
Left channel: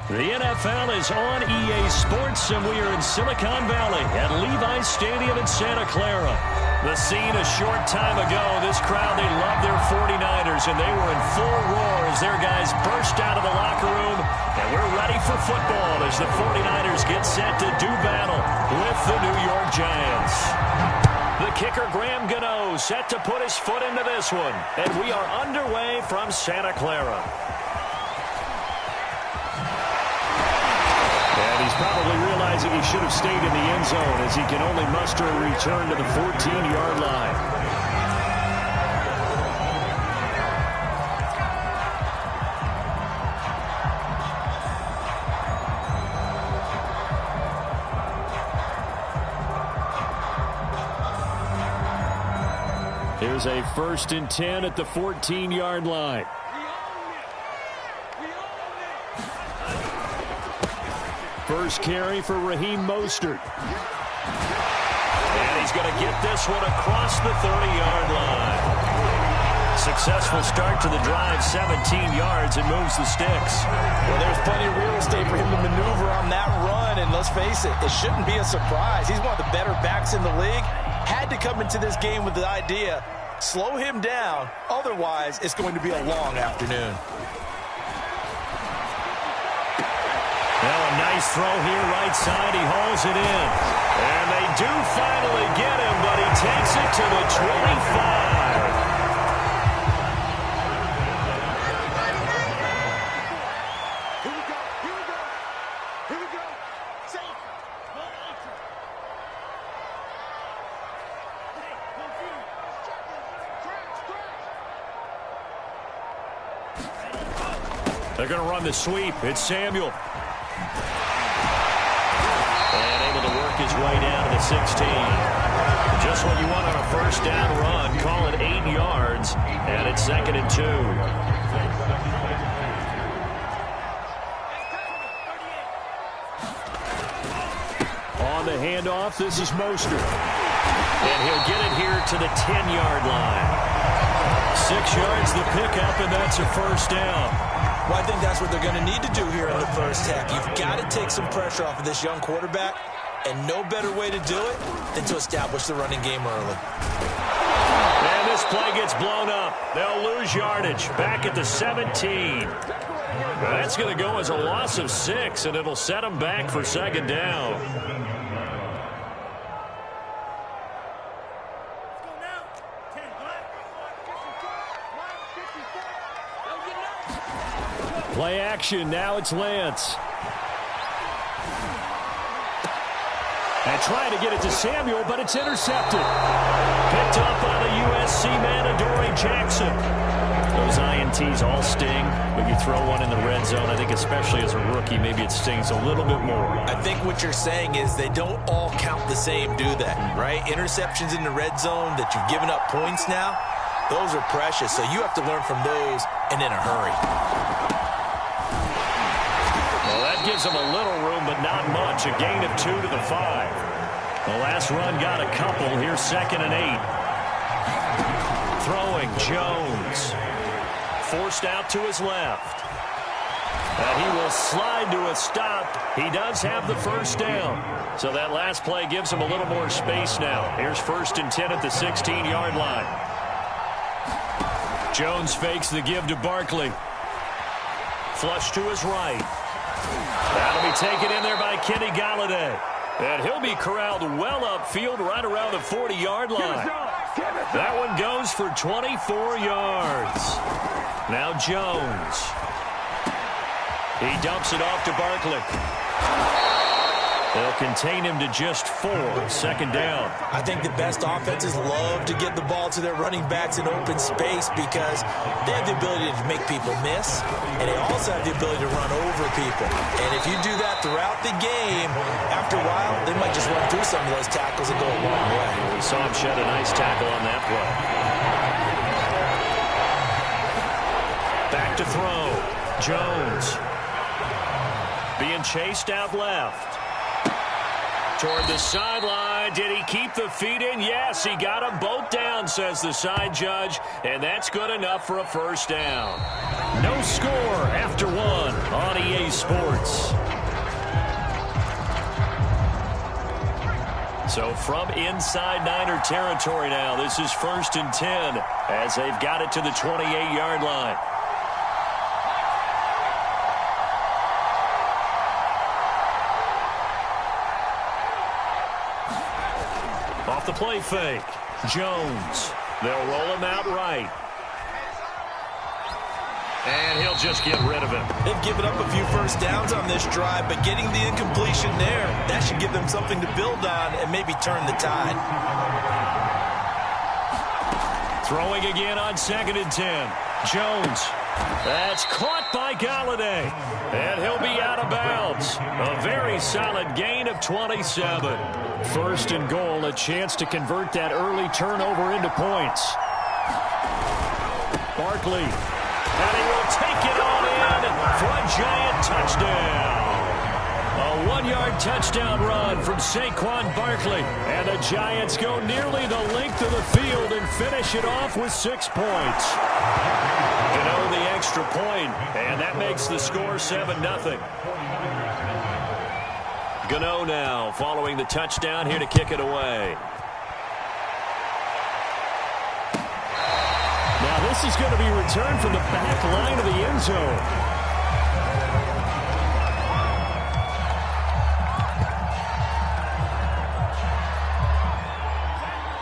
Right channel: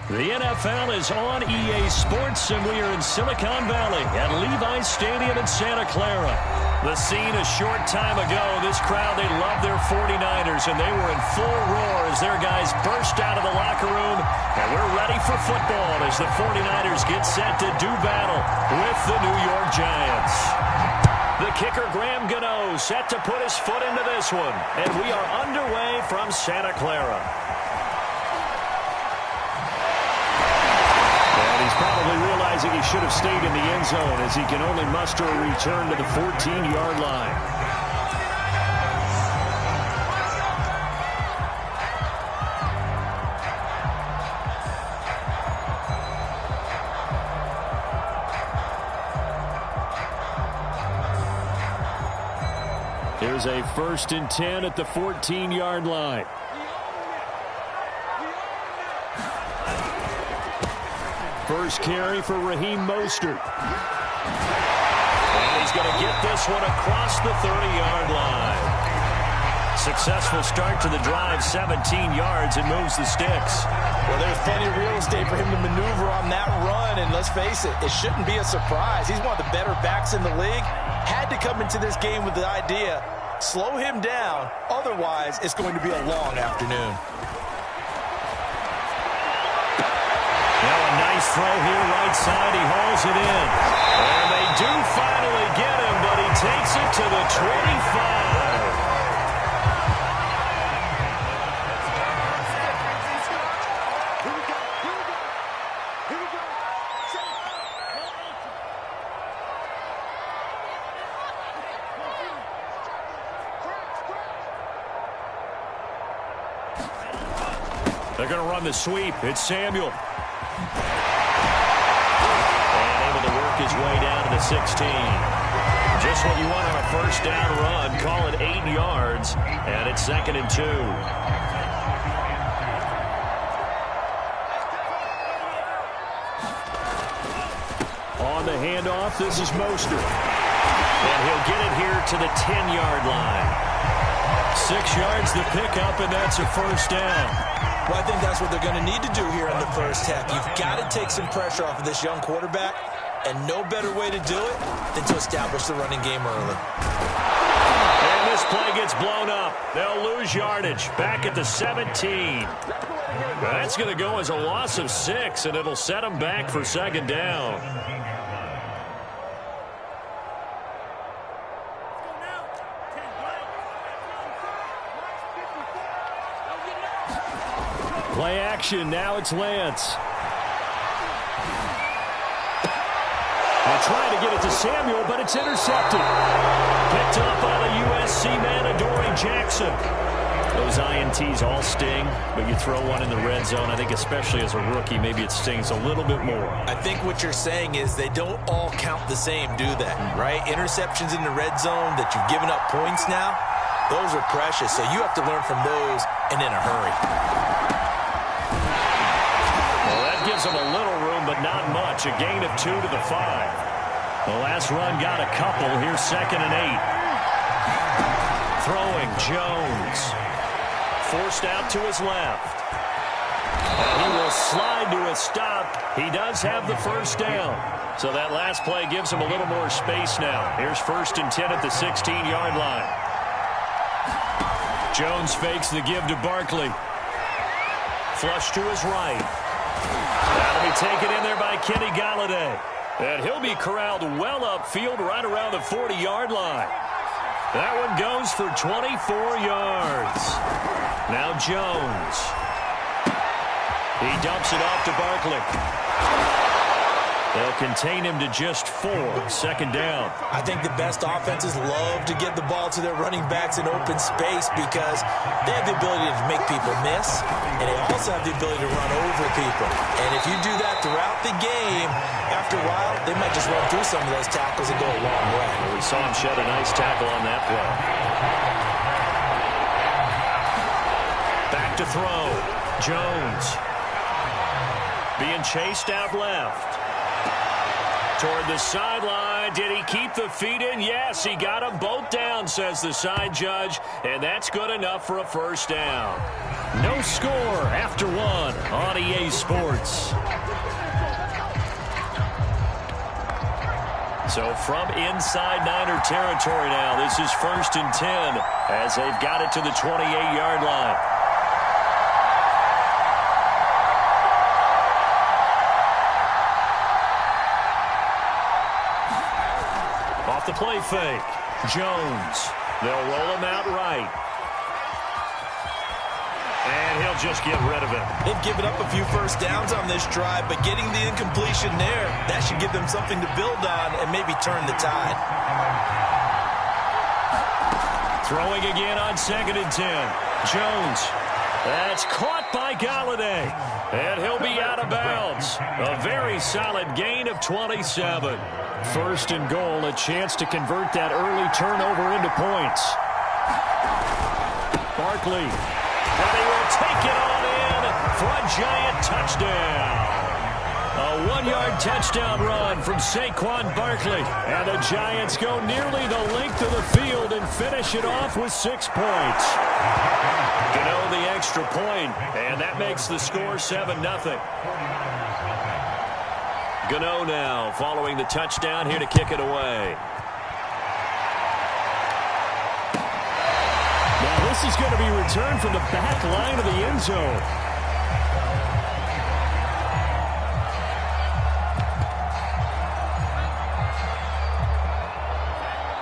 The NFL is on EA Sports, and we are in Silicon Valley at Levi's Stadium in Santa Clara. The scene a short time ago, this crowd, they love their 49ers, and they were in full roar as their guys burst out of the locker room. And we're ready for football as the 49ers get set to do battle with the New York Giants. The kicker, Graham Gano, set to put his foot into this one. And we are underway from Santa Clara. And he's probably realizing he should have stayed in the end zone as he can only muster a return to the 14-yard line. Here's a 1st and 10 at the 14-yard line. First carry for Raheem Mostert. And he's going to get this one across the 30-yard line. Successful start to the drive, 17 yards, and moves the sticks. Well, there's plenty of real estate for him to maneuver on that run, and let's face it, it shouldn't be a surprise. He's one of the better backs in the league. Had to come into this game with the idea, slow him down, otherwise it's going to be a long afternoon. Now a nice throw here, right side. He hauls it in. And they do finally get him, but he takes it to the 25. Here we go. Here we go. They're going to run the sweep. It's Samuel. And able to work his way down to the 16. Just what you want on a first down run. Call it 8 yards. And it's 2nd and 2. On the handoff, this is Mostert. And he'll get it here to the 10-yard line. 6 yards the pickup, and that's a first down. Well, I think that's what they're going to need to do here in the first half. You've got to take some pressure off of this young quarterback, and no better way to do it than to establish the running game early. And this play gets blown up. They'll lose yardage. Back at the 17. That's going to go as a loss of 6, and it'll set them back for 2nd down. Play action. Now it's Lance. And trying to get it to Samuel, but it's intercepted. Picked up by the USC man, Adoree Jackson. Those INTs all sting, but you throw one in the red zone, I think especially as a rookie, maybe it stings a little bit more. I think what you're saying is they don't all count the same, do they? Right? Interceptions in the red zone that you've given up points now, those are precious. So you have to learn from those and in a hurry. Well, that gives them a little room, but not much. A gain of 2 to the 5. The last run got a couple. Here's 2nd and 8. Throwing Jones. Forced out to his left. And he will slide to a stop. He does have the first down. So that last play gives him a little more space now. Here's 1st and 10 at the 16-yard line. Jones fakes the give to Barkley. Flush to his right. That'll be taken in there by Kenny Golladay. And he'll be corralled well upfield right around the 40-yard line. That one goes for 24 yards. Now Jones. He dumps it off to Barkley. They'll contain him to just 4. 2nd down. I think the best offenses love to get the ball to their running backs in open space because they have the ability to make people miss, and they also have the ability to run over people. And if you do that throughout the game, after a while, they might just run through some of those tackles and go a long way. Well, we saw him shed a nice tackle on that play. Back to throw. Jones. Being chased out left. Toward the sideline. Did he keep the feet in? Yes, he got them both down, says the side judge, and that's good enough for a first down. No score after 1 on EA Sports. So from inside Niner territory now, this is 1st and 10 as they've got it to the 28-yard line. Off the play fake. Jones. They'll roll him out right. And he'll just get rid of him. They've given up a few first downs on this drive, but getting the incompletion there, that should give them something to build on and maybe turn the tide. Throwing again on 2nd and 10. Jones. That's caught by Golladay. And he'll be out of bounds. A very solid gain of 27. 1st and goal, a chance to convert that early turnover into points. Barkley, and he will take it on in for a giant touchdown. A 1-yard touchdown run from Saquon Barkley, and the Giants go nearly the length of the field and finish it off with 6 points. Gano the extra point, and that makes the score 7-0. Gano now following the touchdown here to kick it away. Now this is going to be returned from the back line of the end zone.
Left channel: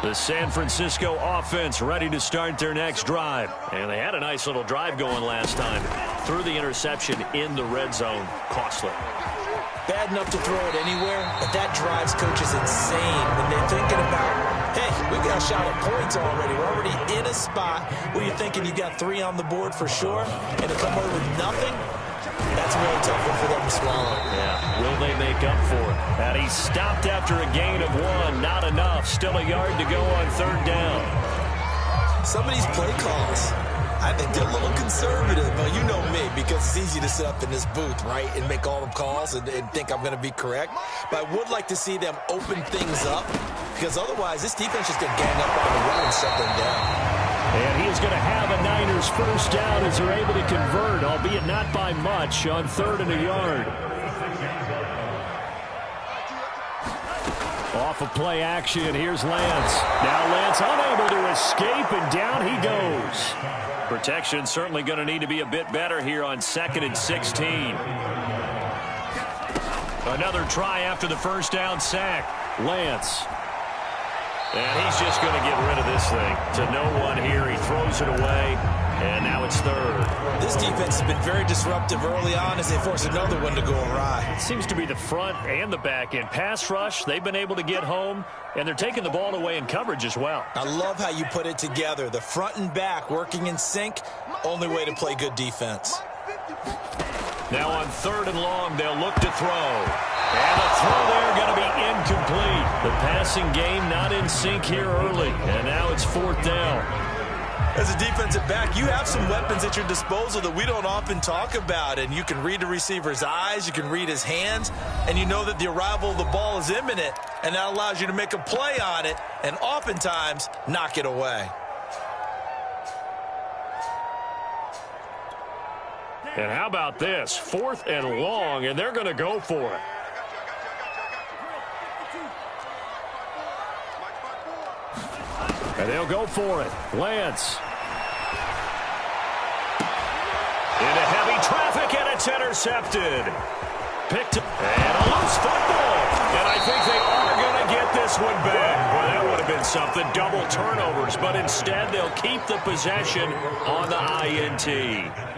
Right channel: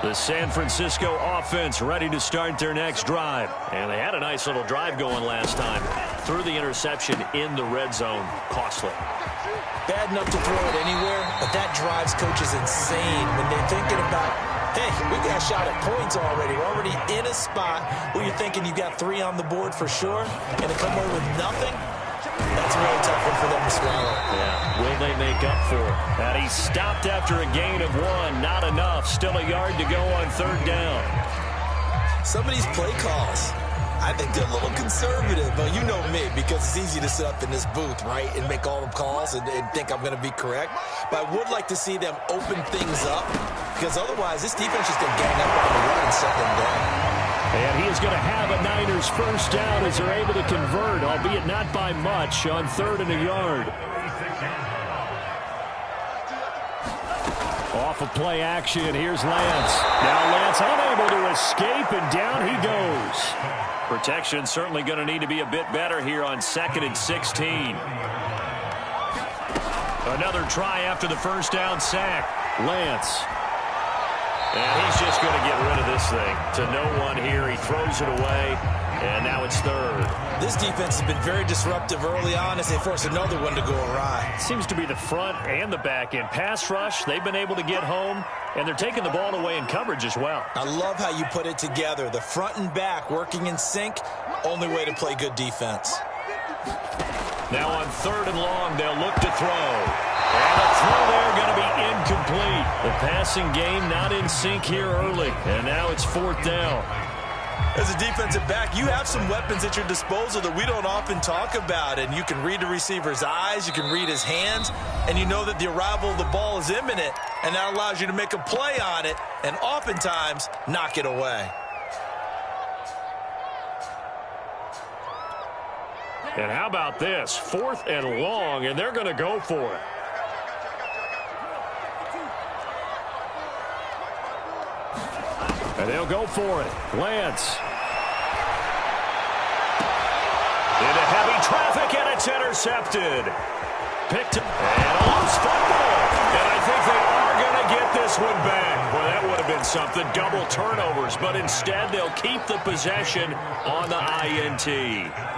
The San Francisco offense ready to start their next drive. And they had a nice little drive going last time. Threw the interception in the red zone. Costly. Bad enough to throw it anywhere, but that drives coaches insane when they're thinking about, hey, we got a shot at points already. We're already in a spot where you're thinking you got 3 on the board for sure, and to come away with nothing, that's a really tough one for them to swallow. Yeah, will they make up for it? And he stopped after a gain of 1. Not enough. Still a yard to go on 3rd down. Some of these play calls, I think they're a little conservative. Well, you know me, because it's easy to sit up in this booth, right, and make all the calls and think I'm going to be correct. But I would like to see them open things up, because otherwise this defense is going to gang up on the run and shut them down. And he is going to have a Niners first down as they're able to convert, albeit not by much, on 3rd and a yard. Off of play action, here's Lance. Now Lance unable to escape, and down he goes. Protection certainly going to need to be a bit better here on 2nd and 16. Another try after the first down sack. Lance. And he's just going to get rid of this thing. To no one here. He throws it away. And now it's 3rd. This defense has been very disruptive early on as they force another one to go awry. Seems to be the front and the back end. Pass rush, they've been able to get home, and they're taking the ball away in coverage as well. I love how you put it together. The front and back working in sync, only way to play good defense. Now on 3rd and long, they'll look to throw. And the throw there going to be incomplete. The passing game not in sync here early, and now it's 4th down. As a defensive back, you have some weapons at your disposal that we don't often talk about. And you can read the receiver's eyes, you can read his hands, and you know that the arrival of the ball is imminent. And that allows you to make a play on it and oftentimes knock it away. And how about this? 4th and long, and they're going to go for it. And they'll go for it. Lance. Into heavy traffic, and it's intercepted. Picked up, and a loose football. And I think they are going to get this one back. Well, that would have been something. Double turnovers, but instead they'll keep the possession on the INT.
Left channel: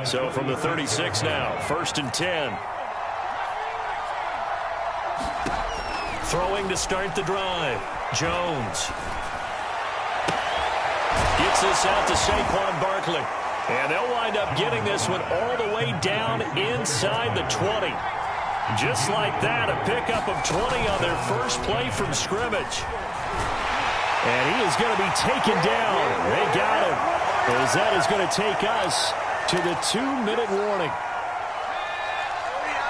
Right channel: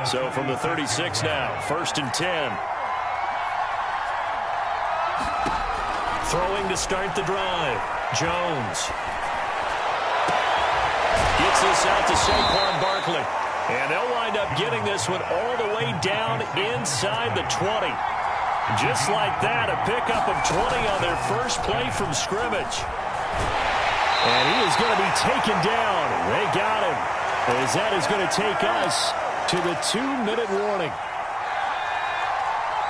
So from the 36 now, 1st and 10. Throwing to start the drive. Jones. Gets this out to Saquon Barkley. And they'll wind up getting this one all the way down inside the 20. Just like that, a pickup of 20 on their first play from scrimmage. And he is going to be taken down. They got him. As that is going to take us to the 2-minute warning.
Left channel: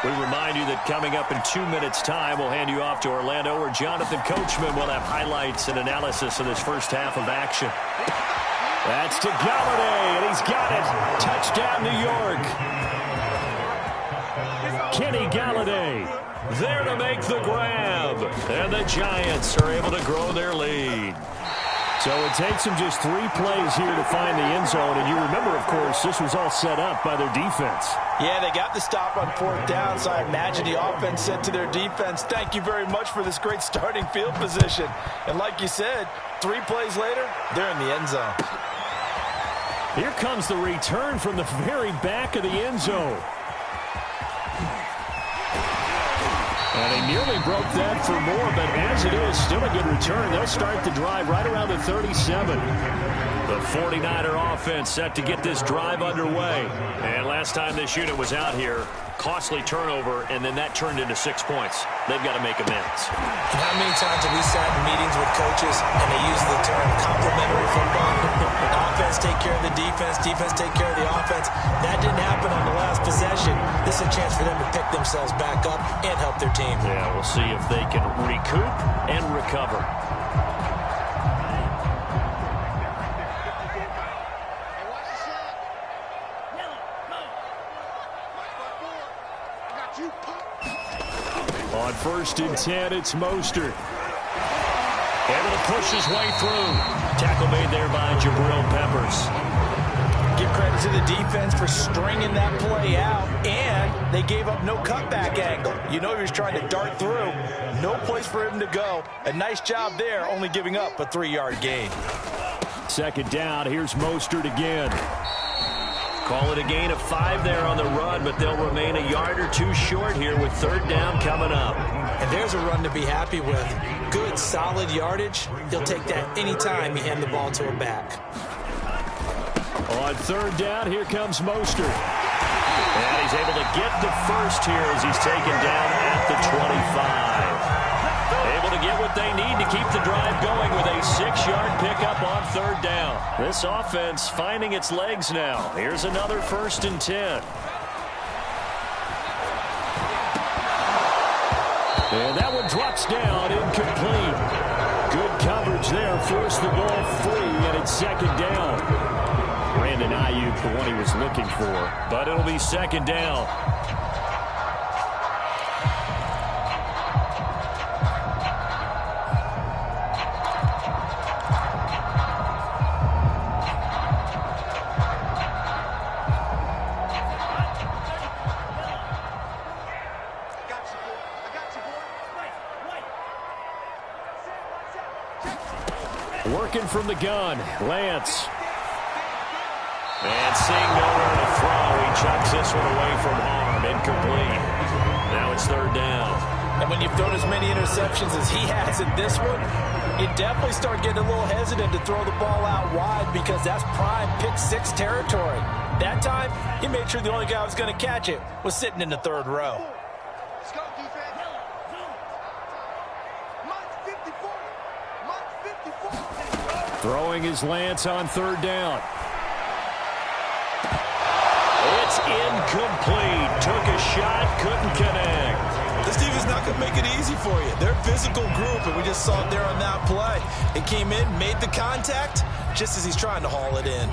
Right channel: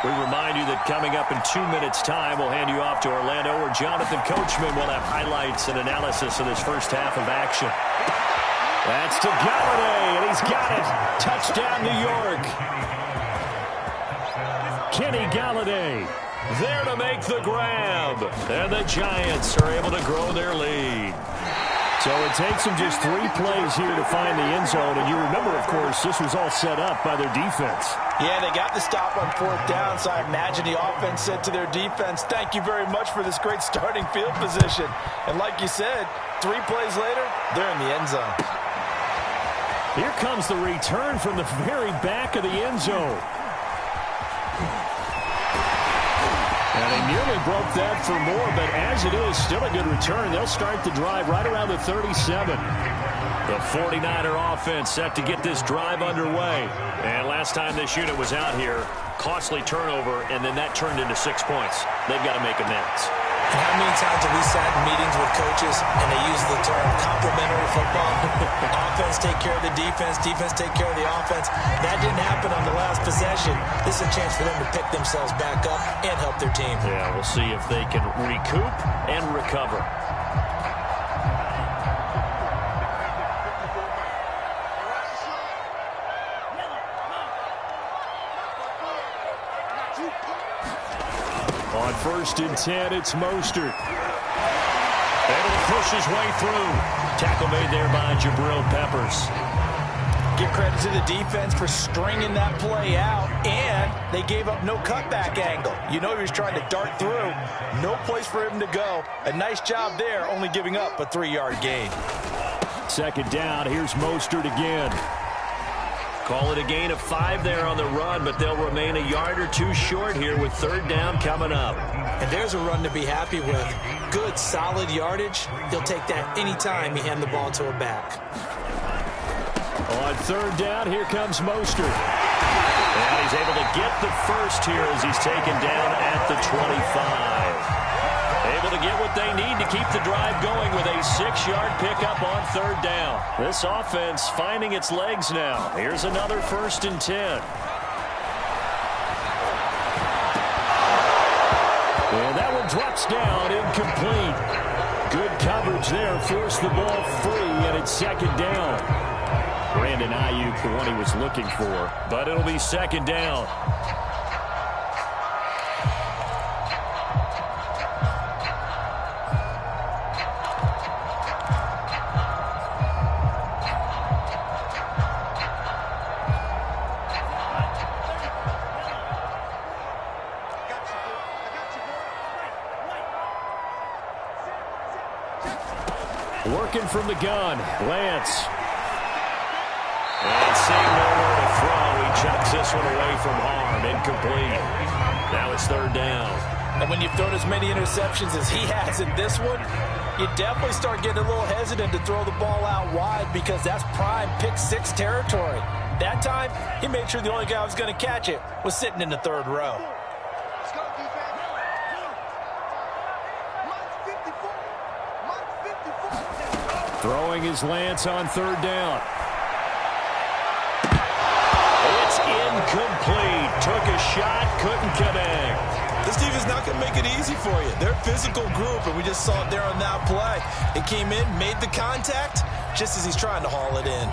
We remind you that coming up in 2 minutes' time, we'll hand you off to Orlando, where Jonathan Coachman will have highlights and analysis of this first half of action. That's to Galladay, and he's got it. Touchdown, New York. Kenny Galladay there to make the grab. And the Giants are able to grow their lead. So it takes them just 3 plays here to find the end zone. And you remember, of course, this was all set up by their defense. Yeah, they got the stop on 4th down, so I imagine the offense said to their defense, thank you very much for this great starting field position. And like you said, 3 plays later, they're in the end zone. Here comes the return from the very back of the end zone. And they nearly broke that for more, but as it is, still a good return. They'll start the drive right around the 37. The 49er offense set to get this drive underway. And last time this unit was out here, costly turnover, and then that turned into 6 points. They've got to make amends. And how many times have we sat in meetings with coaches and they use the term complementary football? Offense take care of the defense, defense take care of the offense. That didn't happen on the last possession. This is a chance for them to pick themselves back up and help their team. Yeah, we'll see if they can recoup and recover. On 1st and 10, it's Mostert. Able to push his way through. Tackle made there by Jabril Peppers. Give credit to the defense for stringing that play out, and they gave up no cutback angle. You know he was trying to dart through. No place for him to go. A nice job there, only giving up a 3-yard gain. 2nd down, here's Mostert again. Call it a gain of 5 there on the run, but they'll remain a yard or 2 short here with 3rd down coming up. And there's a run to be happy with. Good, solid yardage. He'll take that anytime you hand the ball to a back. On 3rd down, here comes Mostert. And he's able to get the first here as he's taken down at the 25. Able to get what they need to keep the drive going with a 6-yard pickup on 3rd down. This offense finding its legs now. Here's another 1st and 10. And that one drops down, incomplete. Good coverage there, forced the ball free, and it's 2nd down. Brandon Ayuk, the one he was looking for, but it'll be 2nd down. Working from the gun, Lance. And seeing nowhere to throw, he chucks this one away from harm. Incomplete. Now it's 3rd down. And when you've thrown as many interceptions as he has in this one, you definitely start getting a little hesitant to throw the ball out wide because that's prime pick 6 territory. That time, he made sure the only guy who was going to catch it was sitting in the 3rd row. Let's go, defense. Mike 54. Mike 54. Throwing his Lance on 3rd down. It's incomplete. Took a shot, couldn't connect. This team is not going to make it easy for you. They're a physical group, and we just saw it there on that play. It came in, made the contact, just as he's trying to haul it in.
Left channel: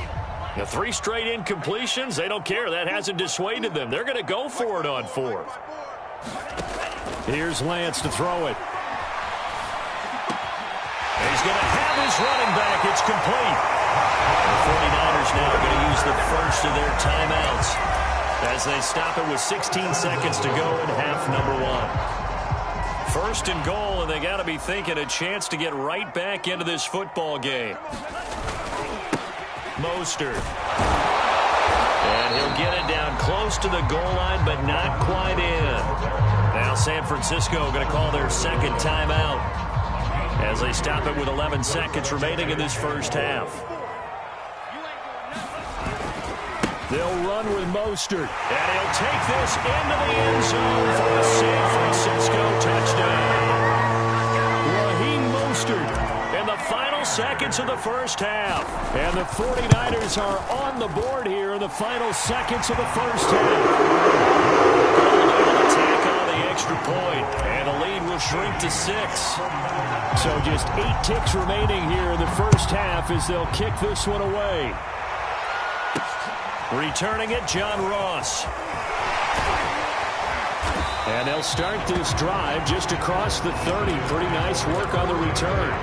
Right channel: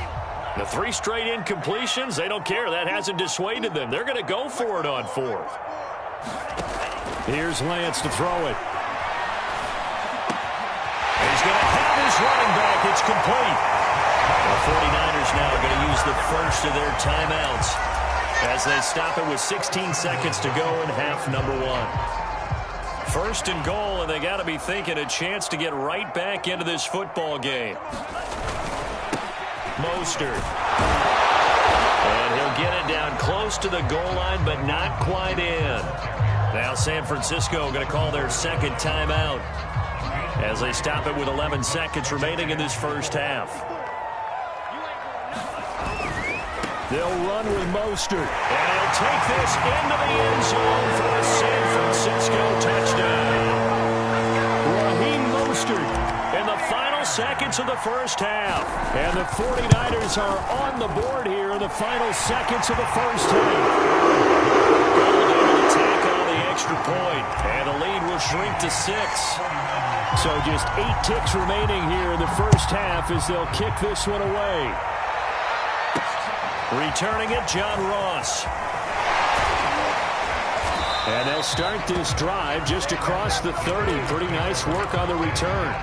The 3 straight incompletions, they don't care. That hasn't dissuaded them. They're going to go for it on 4th. Here's Lance to throw it. He's going to have his running back. It's complete. The 49ers now going to use the first of their timeouts as they stop it with 16 seconds to go in half number 1. 1st and goal, and they got to be thinking a chance to get right back into this football game. Mostert. And he'll get it down close to the goal line, but not quite in. Now San Francisco going to call their second timeout as they stop it with 11 seconds remaining in this first half. They'll run with Mostert, and he'll take this into the end zone for a San Francisco touchdown. Raheem Mostert in the final seconds of the first half. And the 49ers are on the board here in the final seconds of the first half. Gold able to tack on the extra point, and the lead will shrink to 6. So just 8 ticks remaining here in the first half as they'll kick this one away. Returning it, John Ross. And they'll start this drive just across the 30. Pretty nice work on the return.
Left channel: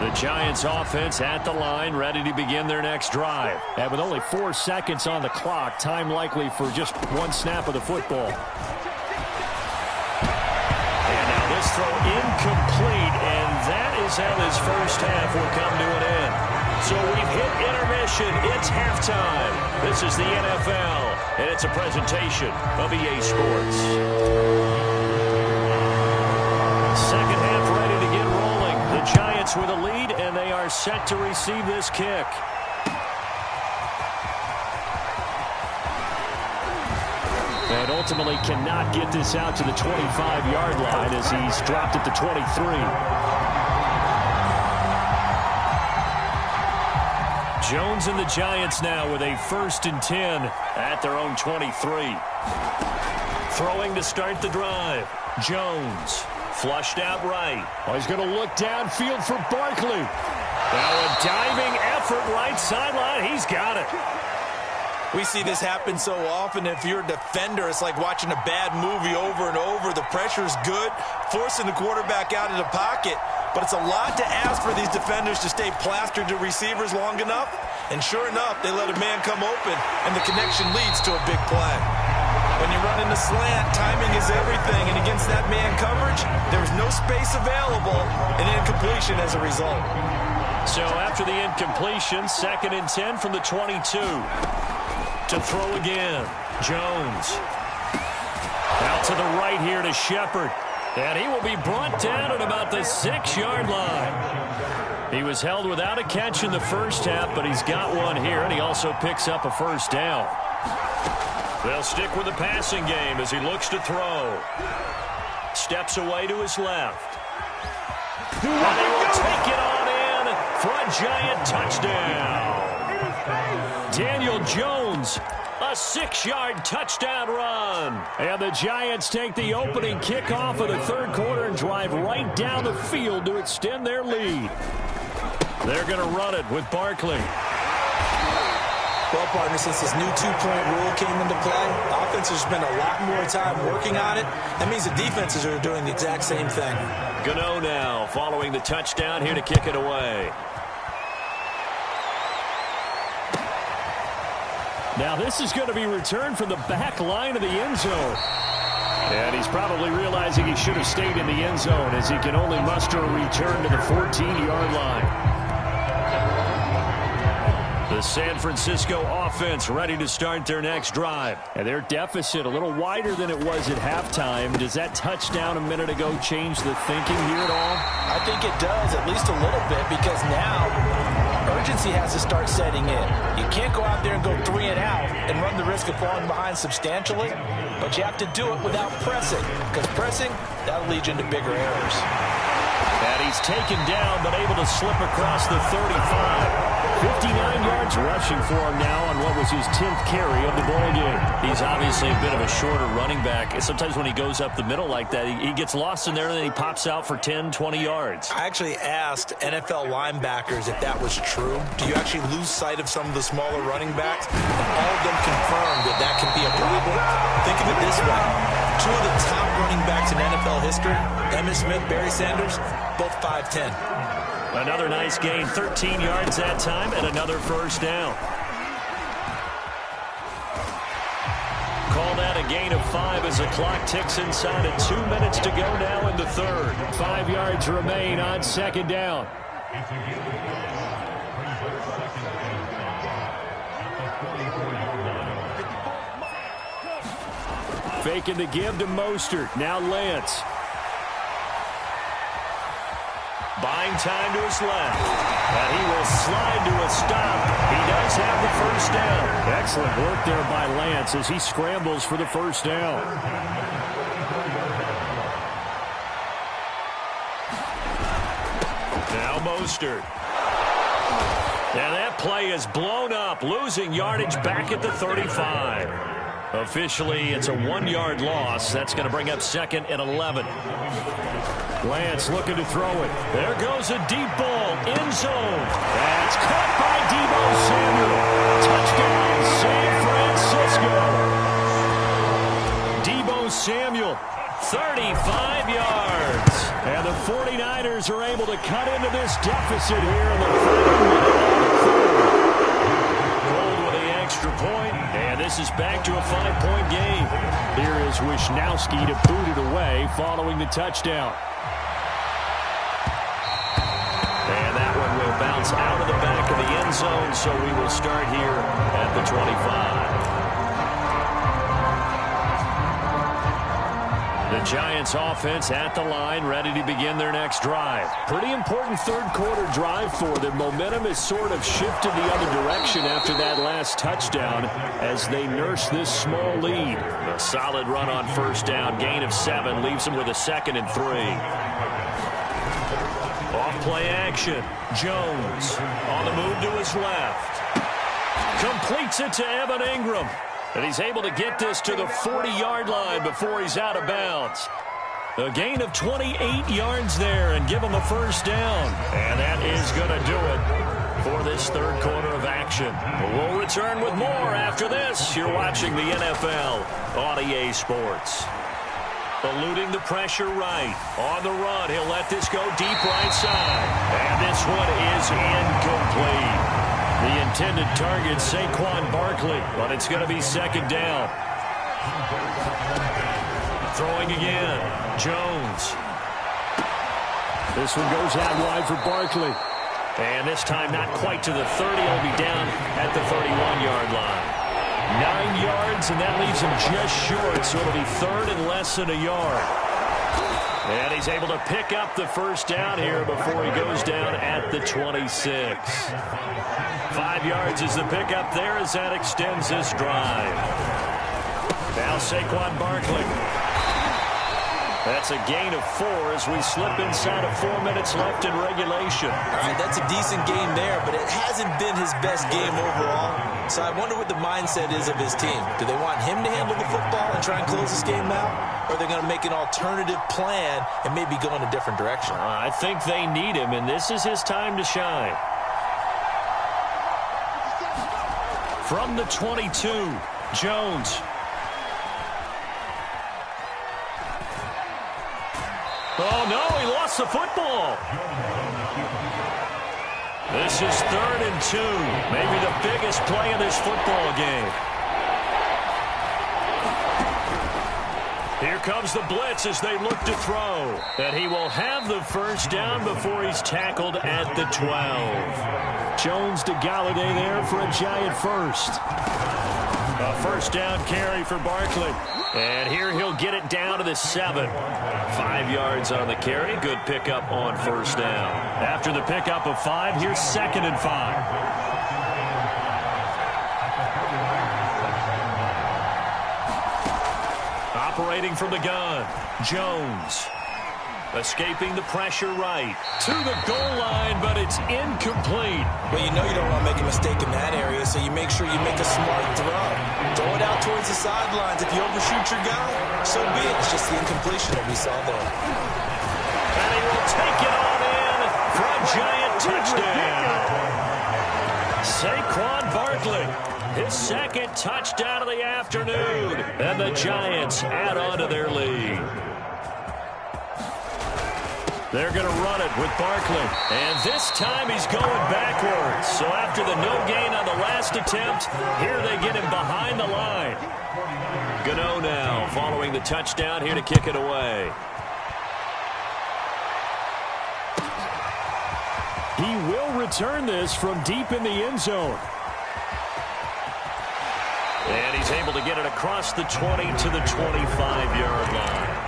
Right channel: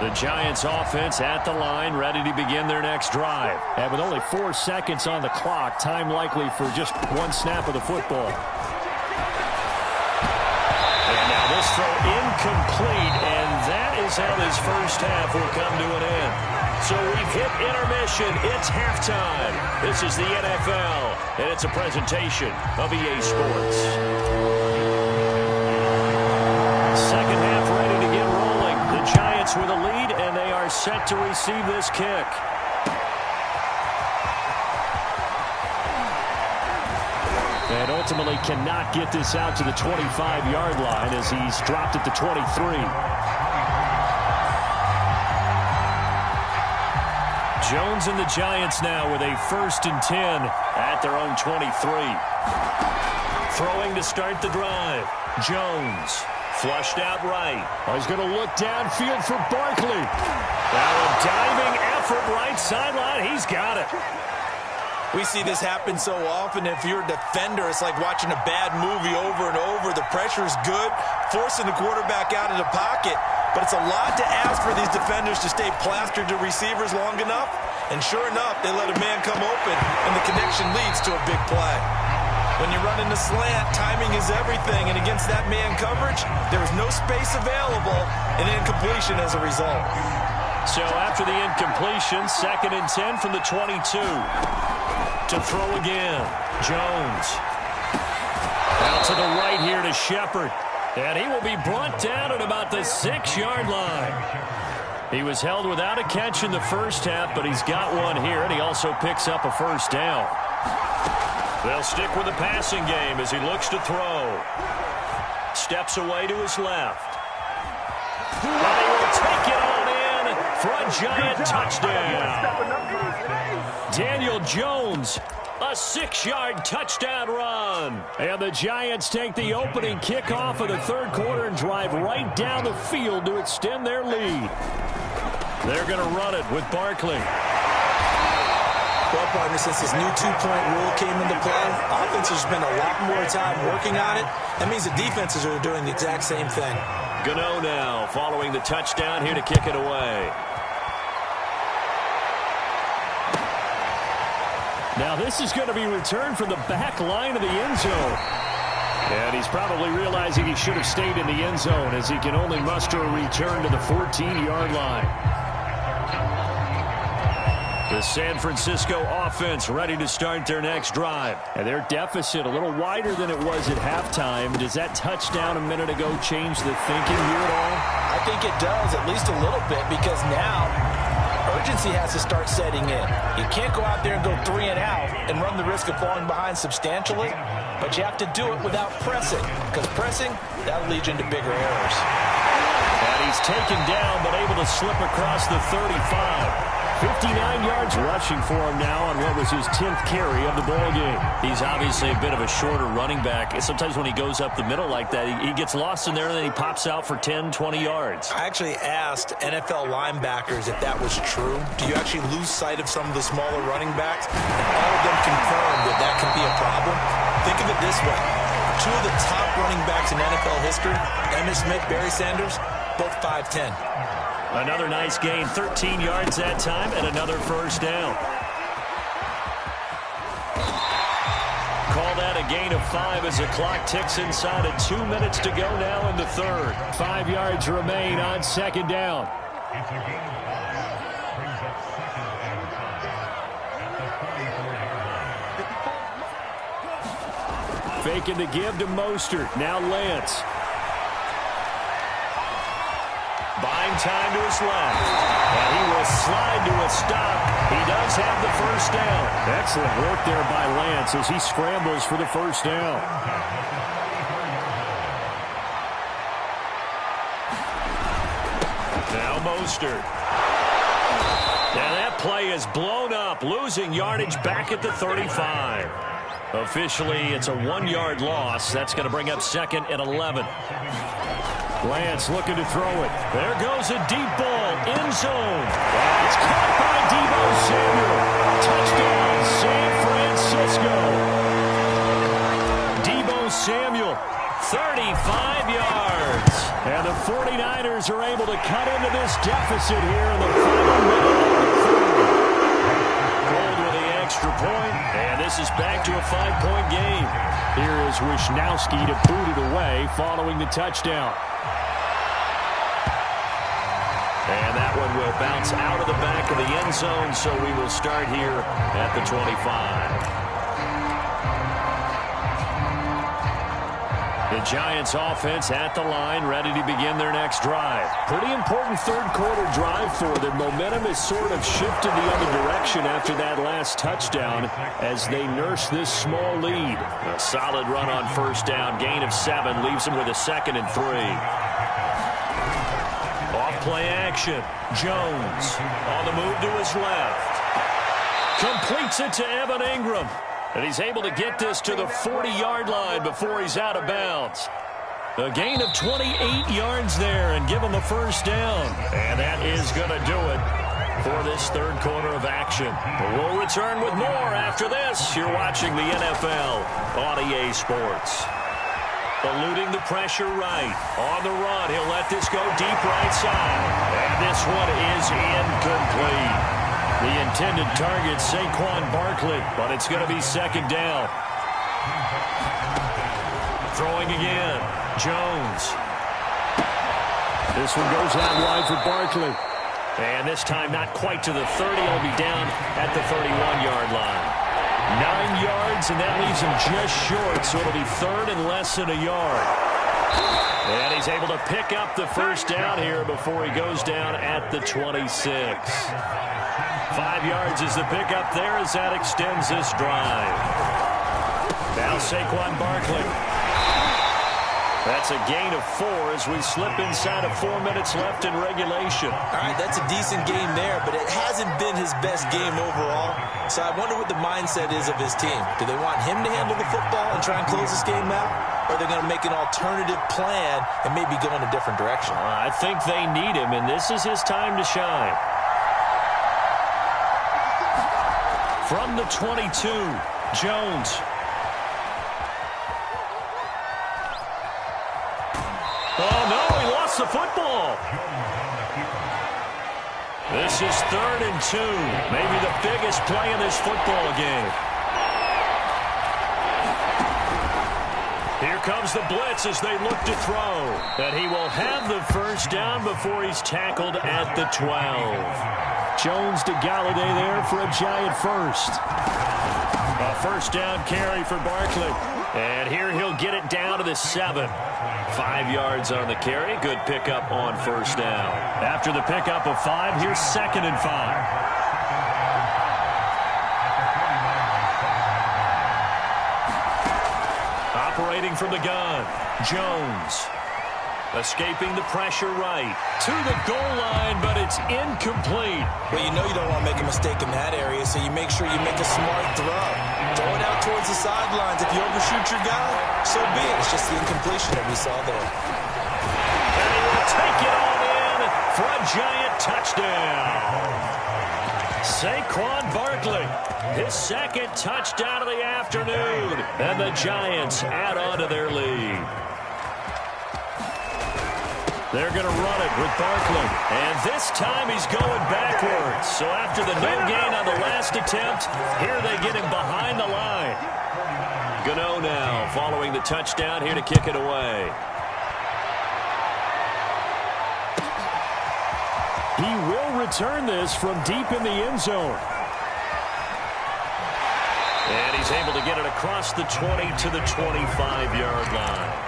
The Giants offense at the line, ready to begin their next drive. And with only 4 seconds on the clock, time likely for just 1 snap of the football. And now this throw incomplete, and that is how this first half will come to an end. So we've hit intermission. It's halftime. This is the NFL, and it's a presentation of EA Sports. Second half ready to get rolling. The Giants with a lead, and they are set to receive this kick. And ultimately cannot get this out to the 25-yard line as he's dropped at the 23. Jones and the Giants now with a 1st and 10 at their own 23. Throwing to start the drive. Jones flushed out right. Oh, he's going to look downfield for Barkley. Now a diving effort right sideline. He's got it. We see this happen so often. If you're a defender, it's like watching a bad movie over and over. The pressure's good, forcing the quarterback out of the pocket. But it's a lot to ask for these defenders to stay plastered to receivers long enough. And sure enough, they let a man come open, and the connection leads to a big play. When you run in the slant, timing is everything. And against that man coverage, there was no space available, and incompletion as a result. So after the incompletion, 2nd and 10 from the 22. To throw again, Jones. Out to the right here to Shepard. And he will be brought down at about the 6-yard line. He was held without a catch in the first half, but he's got one here, and he also picks up a first down. They'll stick with the passing game as he looks to throw. Steps away to his left. And he will take it on in for a Giant touchdown. Daniel Jones, a 6-yard touchdown run. And the Giants take the opening kickoff of the 3rd quarter and drive right down the field to extend their lead. They're going to run it with Barkley. Well, partner, since this new 2-point rule came into play, offenses spend a lot more time working on it. That means the defenses are doing the exact same thing. Gano now following the touchdown here to kick it away. Now this is going to be returned from the back line of the end zone. And he's probably realizing he should have stayed in the end zone as he can only muster a return to the 14-yard line. The San Francisco offense ready to start their next drive. And their deficit a little wider than it was at halftime. Does that touchdown a minute ago change the thinking here at all? I think it does, at least a little bit, because now urgency has to start setting in. You can't go out there and go 3 and out and run the risk of falling behind substantially, but you have to do it without pressing, because pressing, that'll lead you into bigger errors. And he's taken down but able to slip across the 35. 59 yards rushing for him now on what was his 10th carry of the ball game. He's obviously a bit of a shorter running back. Sometimes when he goes up the middle like that, he gets lost in there, and then he pops out for 10, 20 yards. I actually asked NFL linebackers if that was true. Do you actually lose sight of some of the smaller running backs? And all of them confirmed that that can be a problem. Think of it this way. Two of the top running backs in NFL history, Emmitt Smith, Barry Sanders, both 5'10". Another nice gain, 13 yards that time, and another first down. Call that a gain of 5 as the clock ticks inside of 2 minutes to go now in the third. 5 yards remain on second down. It's a gain of 5. Brings up second and 5 at the 44-yard line. Faking the give to Mostert. Now Lance. Buying time to his left. And he will slide to a stop. He does have the first down. Excellent work there by Lance as he scrambles for the first down. Now Mostert. And that play is blown up, losing yardage back at the 35. Officially, it's a 1-yard loss. That's going to bring up second and 11. Lance looking to throw it. There goes a deep ball, end zone. That's caught by Deebo Samuel. Touchdown, San Francisco. Deebo Samuel, 35 yards. And the 49ers are able to cut into this deficit here in the final minute of the third. Gold with the extra point, and this is back to a 5-point game. Here is Wisnowski to boot it away following the touchdown. And that one will bounce out of the back of the end zone, so we will start here at the 25. The Giants offense at the line, ready to begin their next drive. Pretty important third quarter drive for them. Momentum has sort of shifted the other direction after that last touchdown as they nurse this small lead. A solid run on first down, gain of 7, leaves them with a 2nd and 3. Off-play action. Jones on the move to his left. Completes it to Evan Ingram. And he's able to get this to the 40-yard line before he's out of bounds. A gain of 28 yards there and give him a first down. And that is going to do it for this third quarter of action. But we'll return with more after this. You're watching the NFL on EA Sports. Eluding the pressure right. On the run, he'll let this go deep right side. And this one is incomplete. The intended target, Saquon Barkley, but it's going to be second down. Throwing again. Jones. This one goes out wide for Barkley. And this time not quite to the 30. He'll be down at the 31-yard line. 9 yards, and that leaves him just short, so it'll be third and less than a yard. And he's able to pick up the first down here before he goes down at the 26. 5 yards is the pickup there as that extends this drive. Now Saquon Barkley. That's a gain of 4 as we slip inside of 4 minutes left in regulation. All right, that's a decent game there, but it hasn't been his best game overall. So I wonder what the mindset is of his team. Do they want him to handle the football and try and close this game out? Or are they going to make an alternative plan and maybe go in a different direction? I think they need him, and this is his time to shine. From the 22, Jones. Oh, no, he lost the football. This is 3rd and 2. Maybe the biggest play in this football game. Here comes the blitz as they look to throw. And he will have the first down before he's tackled at the 12. Jones to Galladay there for a Giant first. A first down carry for Barkley. And here he'll get it down to the 7. 5 yards on the carry. Good pickup on first down. After the pickup of 5, here's 2nd and 5. Operating from the gun, Jones. Escaping the pressure right. To the goal line, but it's incomplete. Well, you know you don't want to make a mistake in that area, so you make sure you make a smart throw. Throw it out towards the sidelines. If you overshoot your guy, so be it. It's just the incompletion that we saw there. And he will take it on in for a giant touchdown. Saquon Barkley, his second touchdown of the afternoon. And the Giants add on to their lead. They're going to run it with Barkley. And this time he's going backwards. So after the no gain on the last attempt, here they get him behind the line. Gano now following the touchdown, here to kick it away. He will return this from deep in the end zone. And he's able to get it across the 20 to the 25-yard line.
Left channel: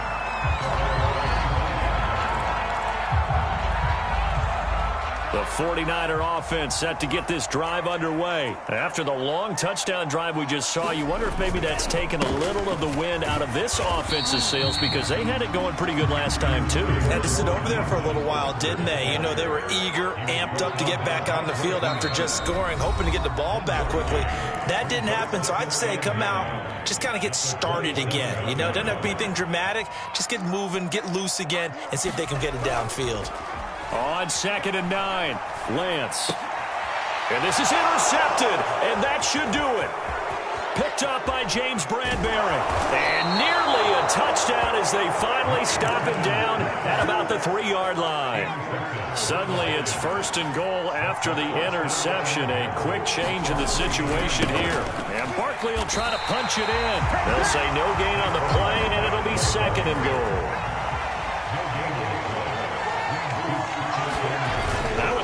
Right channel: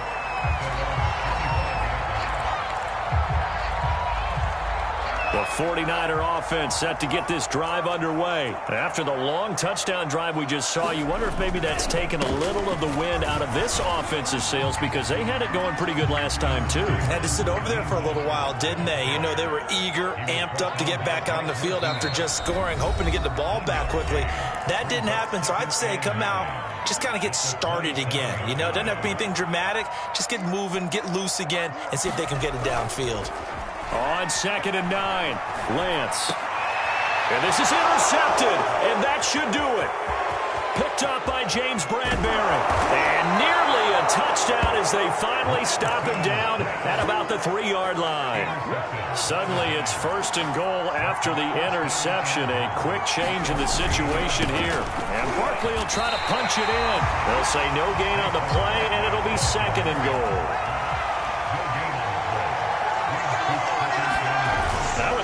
The 49er offense set to get this drive underway. After the long touchdown drive we just saw, you wonder if maybe that's taken a little of the wind out of this offense's sails because they had it going pretty good last time, too. Had to sit over there for a little while, didn't they? You know, they were eager, amped up to get back on the field after just scoring, hoping to get the ball back quickly. That didn't happen, so I'd say come out, just kind of get started again. You know, doesn't have to be anything dramatic. Just get moving, get loose again, and see if they can get it downfield. On 2nd and 9, Lance. And this is intercepted, and that should do it. Picked up by James Bradbury. And nearly a touchdown as they finally stop him down at about the 3-yard line. Suddenly it's 1st and goal after the interception. A quick change in the situation here. And Barkley will try to punch it in. They'll say no gain on the play, and it'll be 2nd and goal.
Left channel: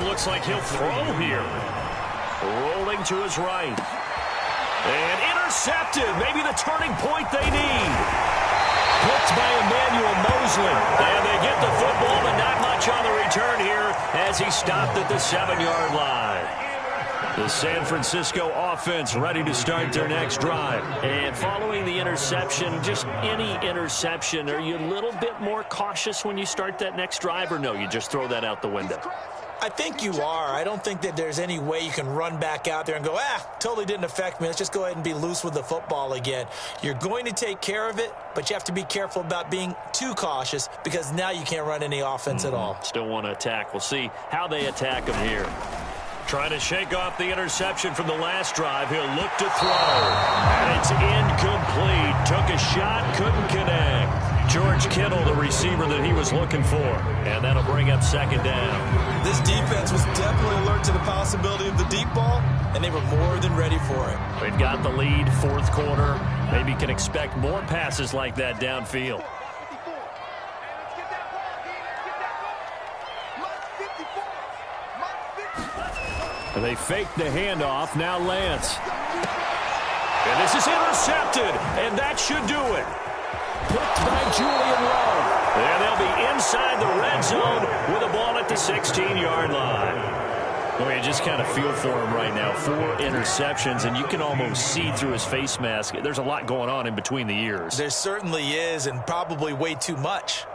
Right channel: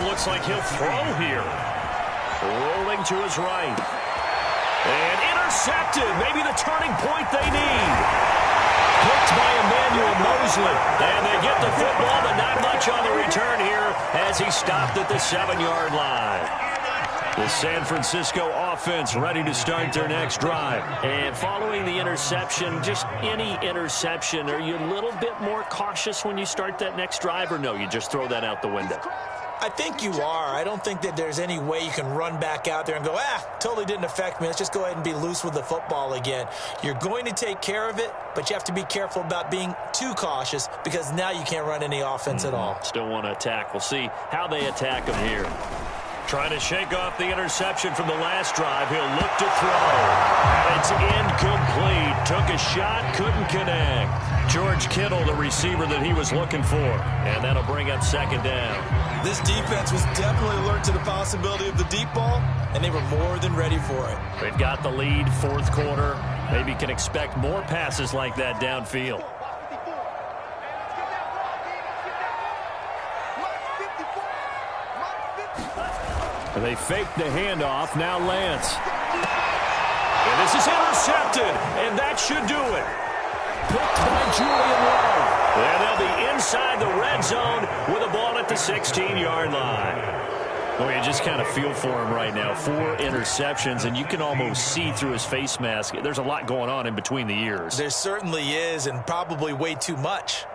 Looks like he'll throw here. Rolling to his right. And intercepted. Maybe the turning point they need. Picked by Emmanuel Mosley. And they get the football, but not much on the return here as he stopped at the 7-yard line. The San Francisco offense ready to start their next drive. And following the interception, just any interception, are you a little bit more cautious when you start that next drive, or no, you just throw that out the window? I think you are. I don't think that there's any way you can run back out there and go, totally didn't affect me. Let's just go ahead and be loose with the football again. You're going to take care of it, but you have to be careful about being too cautious because now you can't run any offense at all. Still want to attack. We'll see how they attack him here. Trying to shake off the interception from the last drive. He'll look to throw. And it's incomplete. Took a shot, couldn't connect. George Kittle, the receiver that he was looking for. And that'll bring up 2nd down. This defense was definitely alert to the possibility of the deep ball, and they were more than ready for it. They've got the lead, 4th quarter. Maybe can expect more passes like that downfield. They fake the handoff. Now Lance. And this is intercepted. And that should do it. Picked by Julian Love. And they'll be inside the red zone with a ball at the 16-yard line. Well, you just kind of feel for him right now. 4 interceptions, and you can almost see through his face mask. There's a lot going on in between the ears. There certainly is, and probably way too much.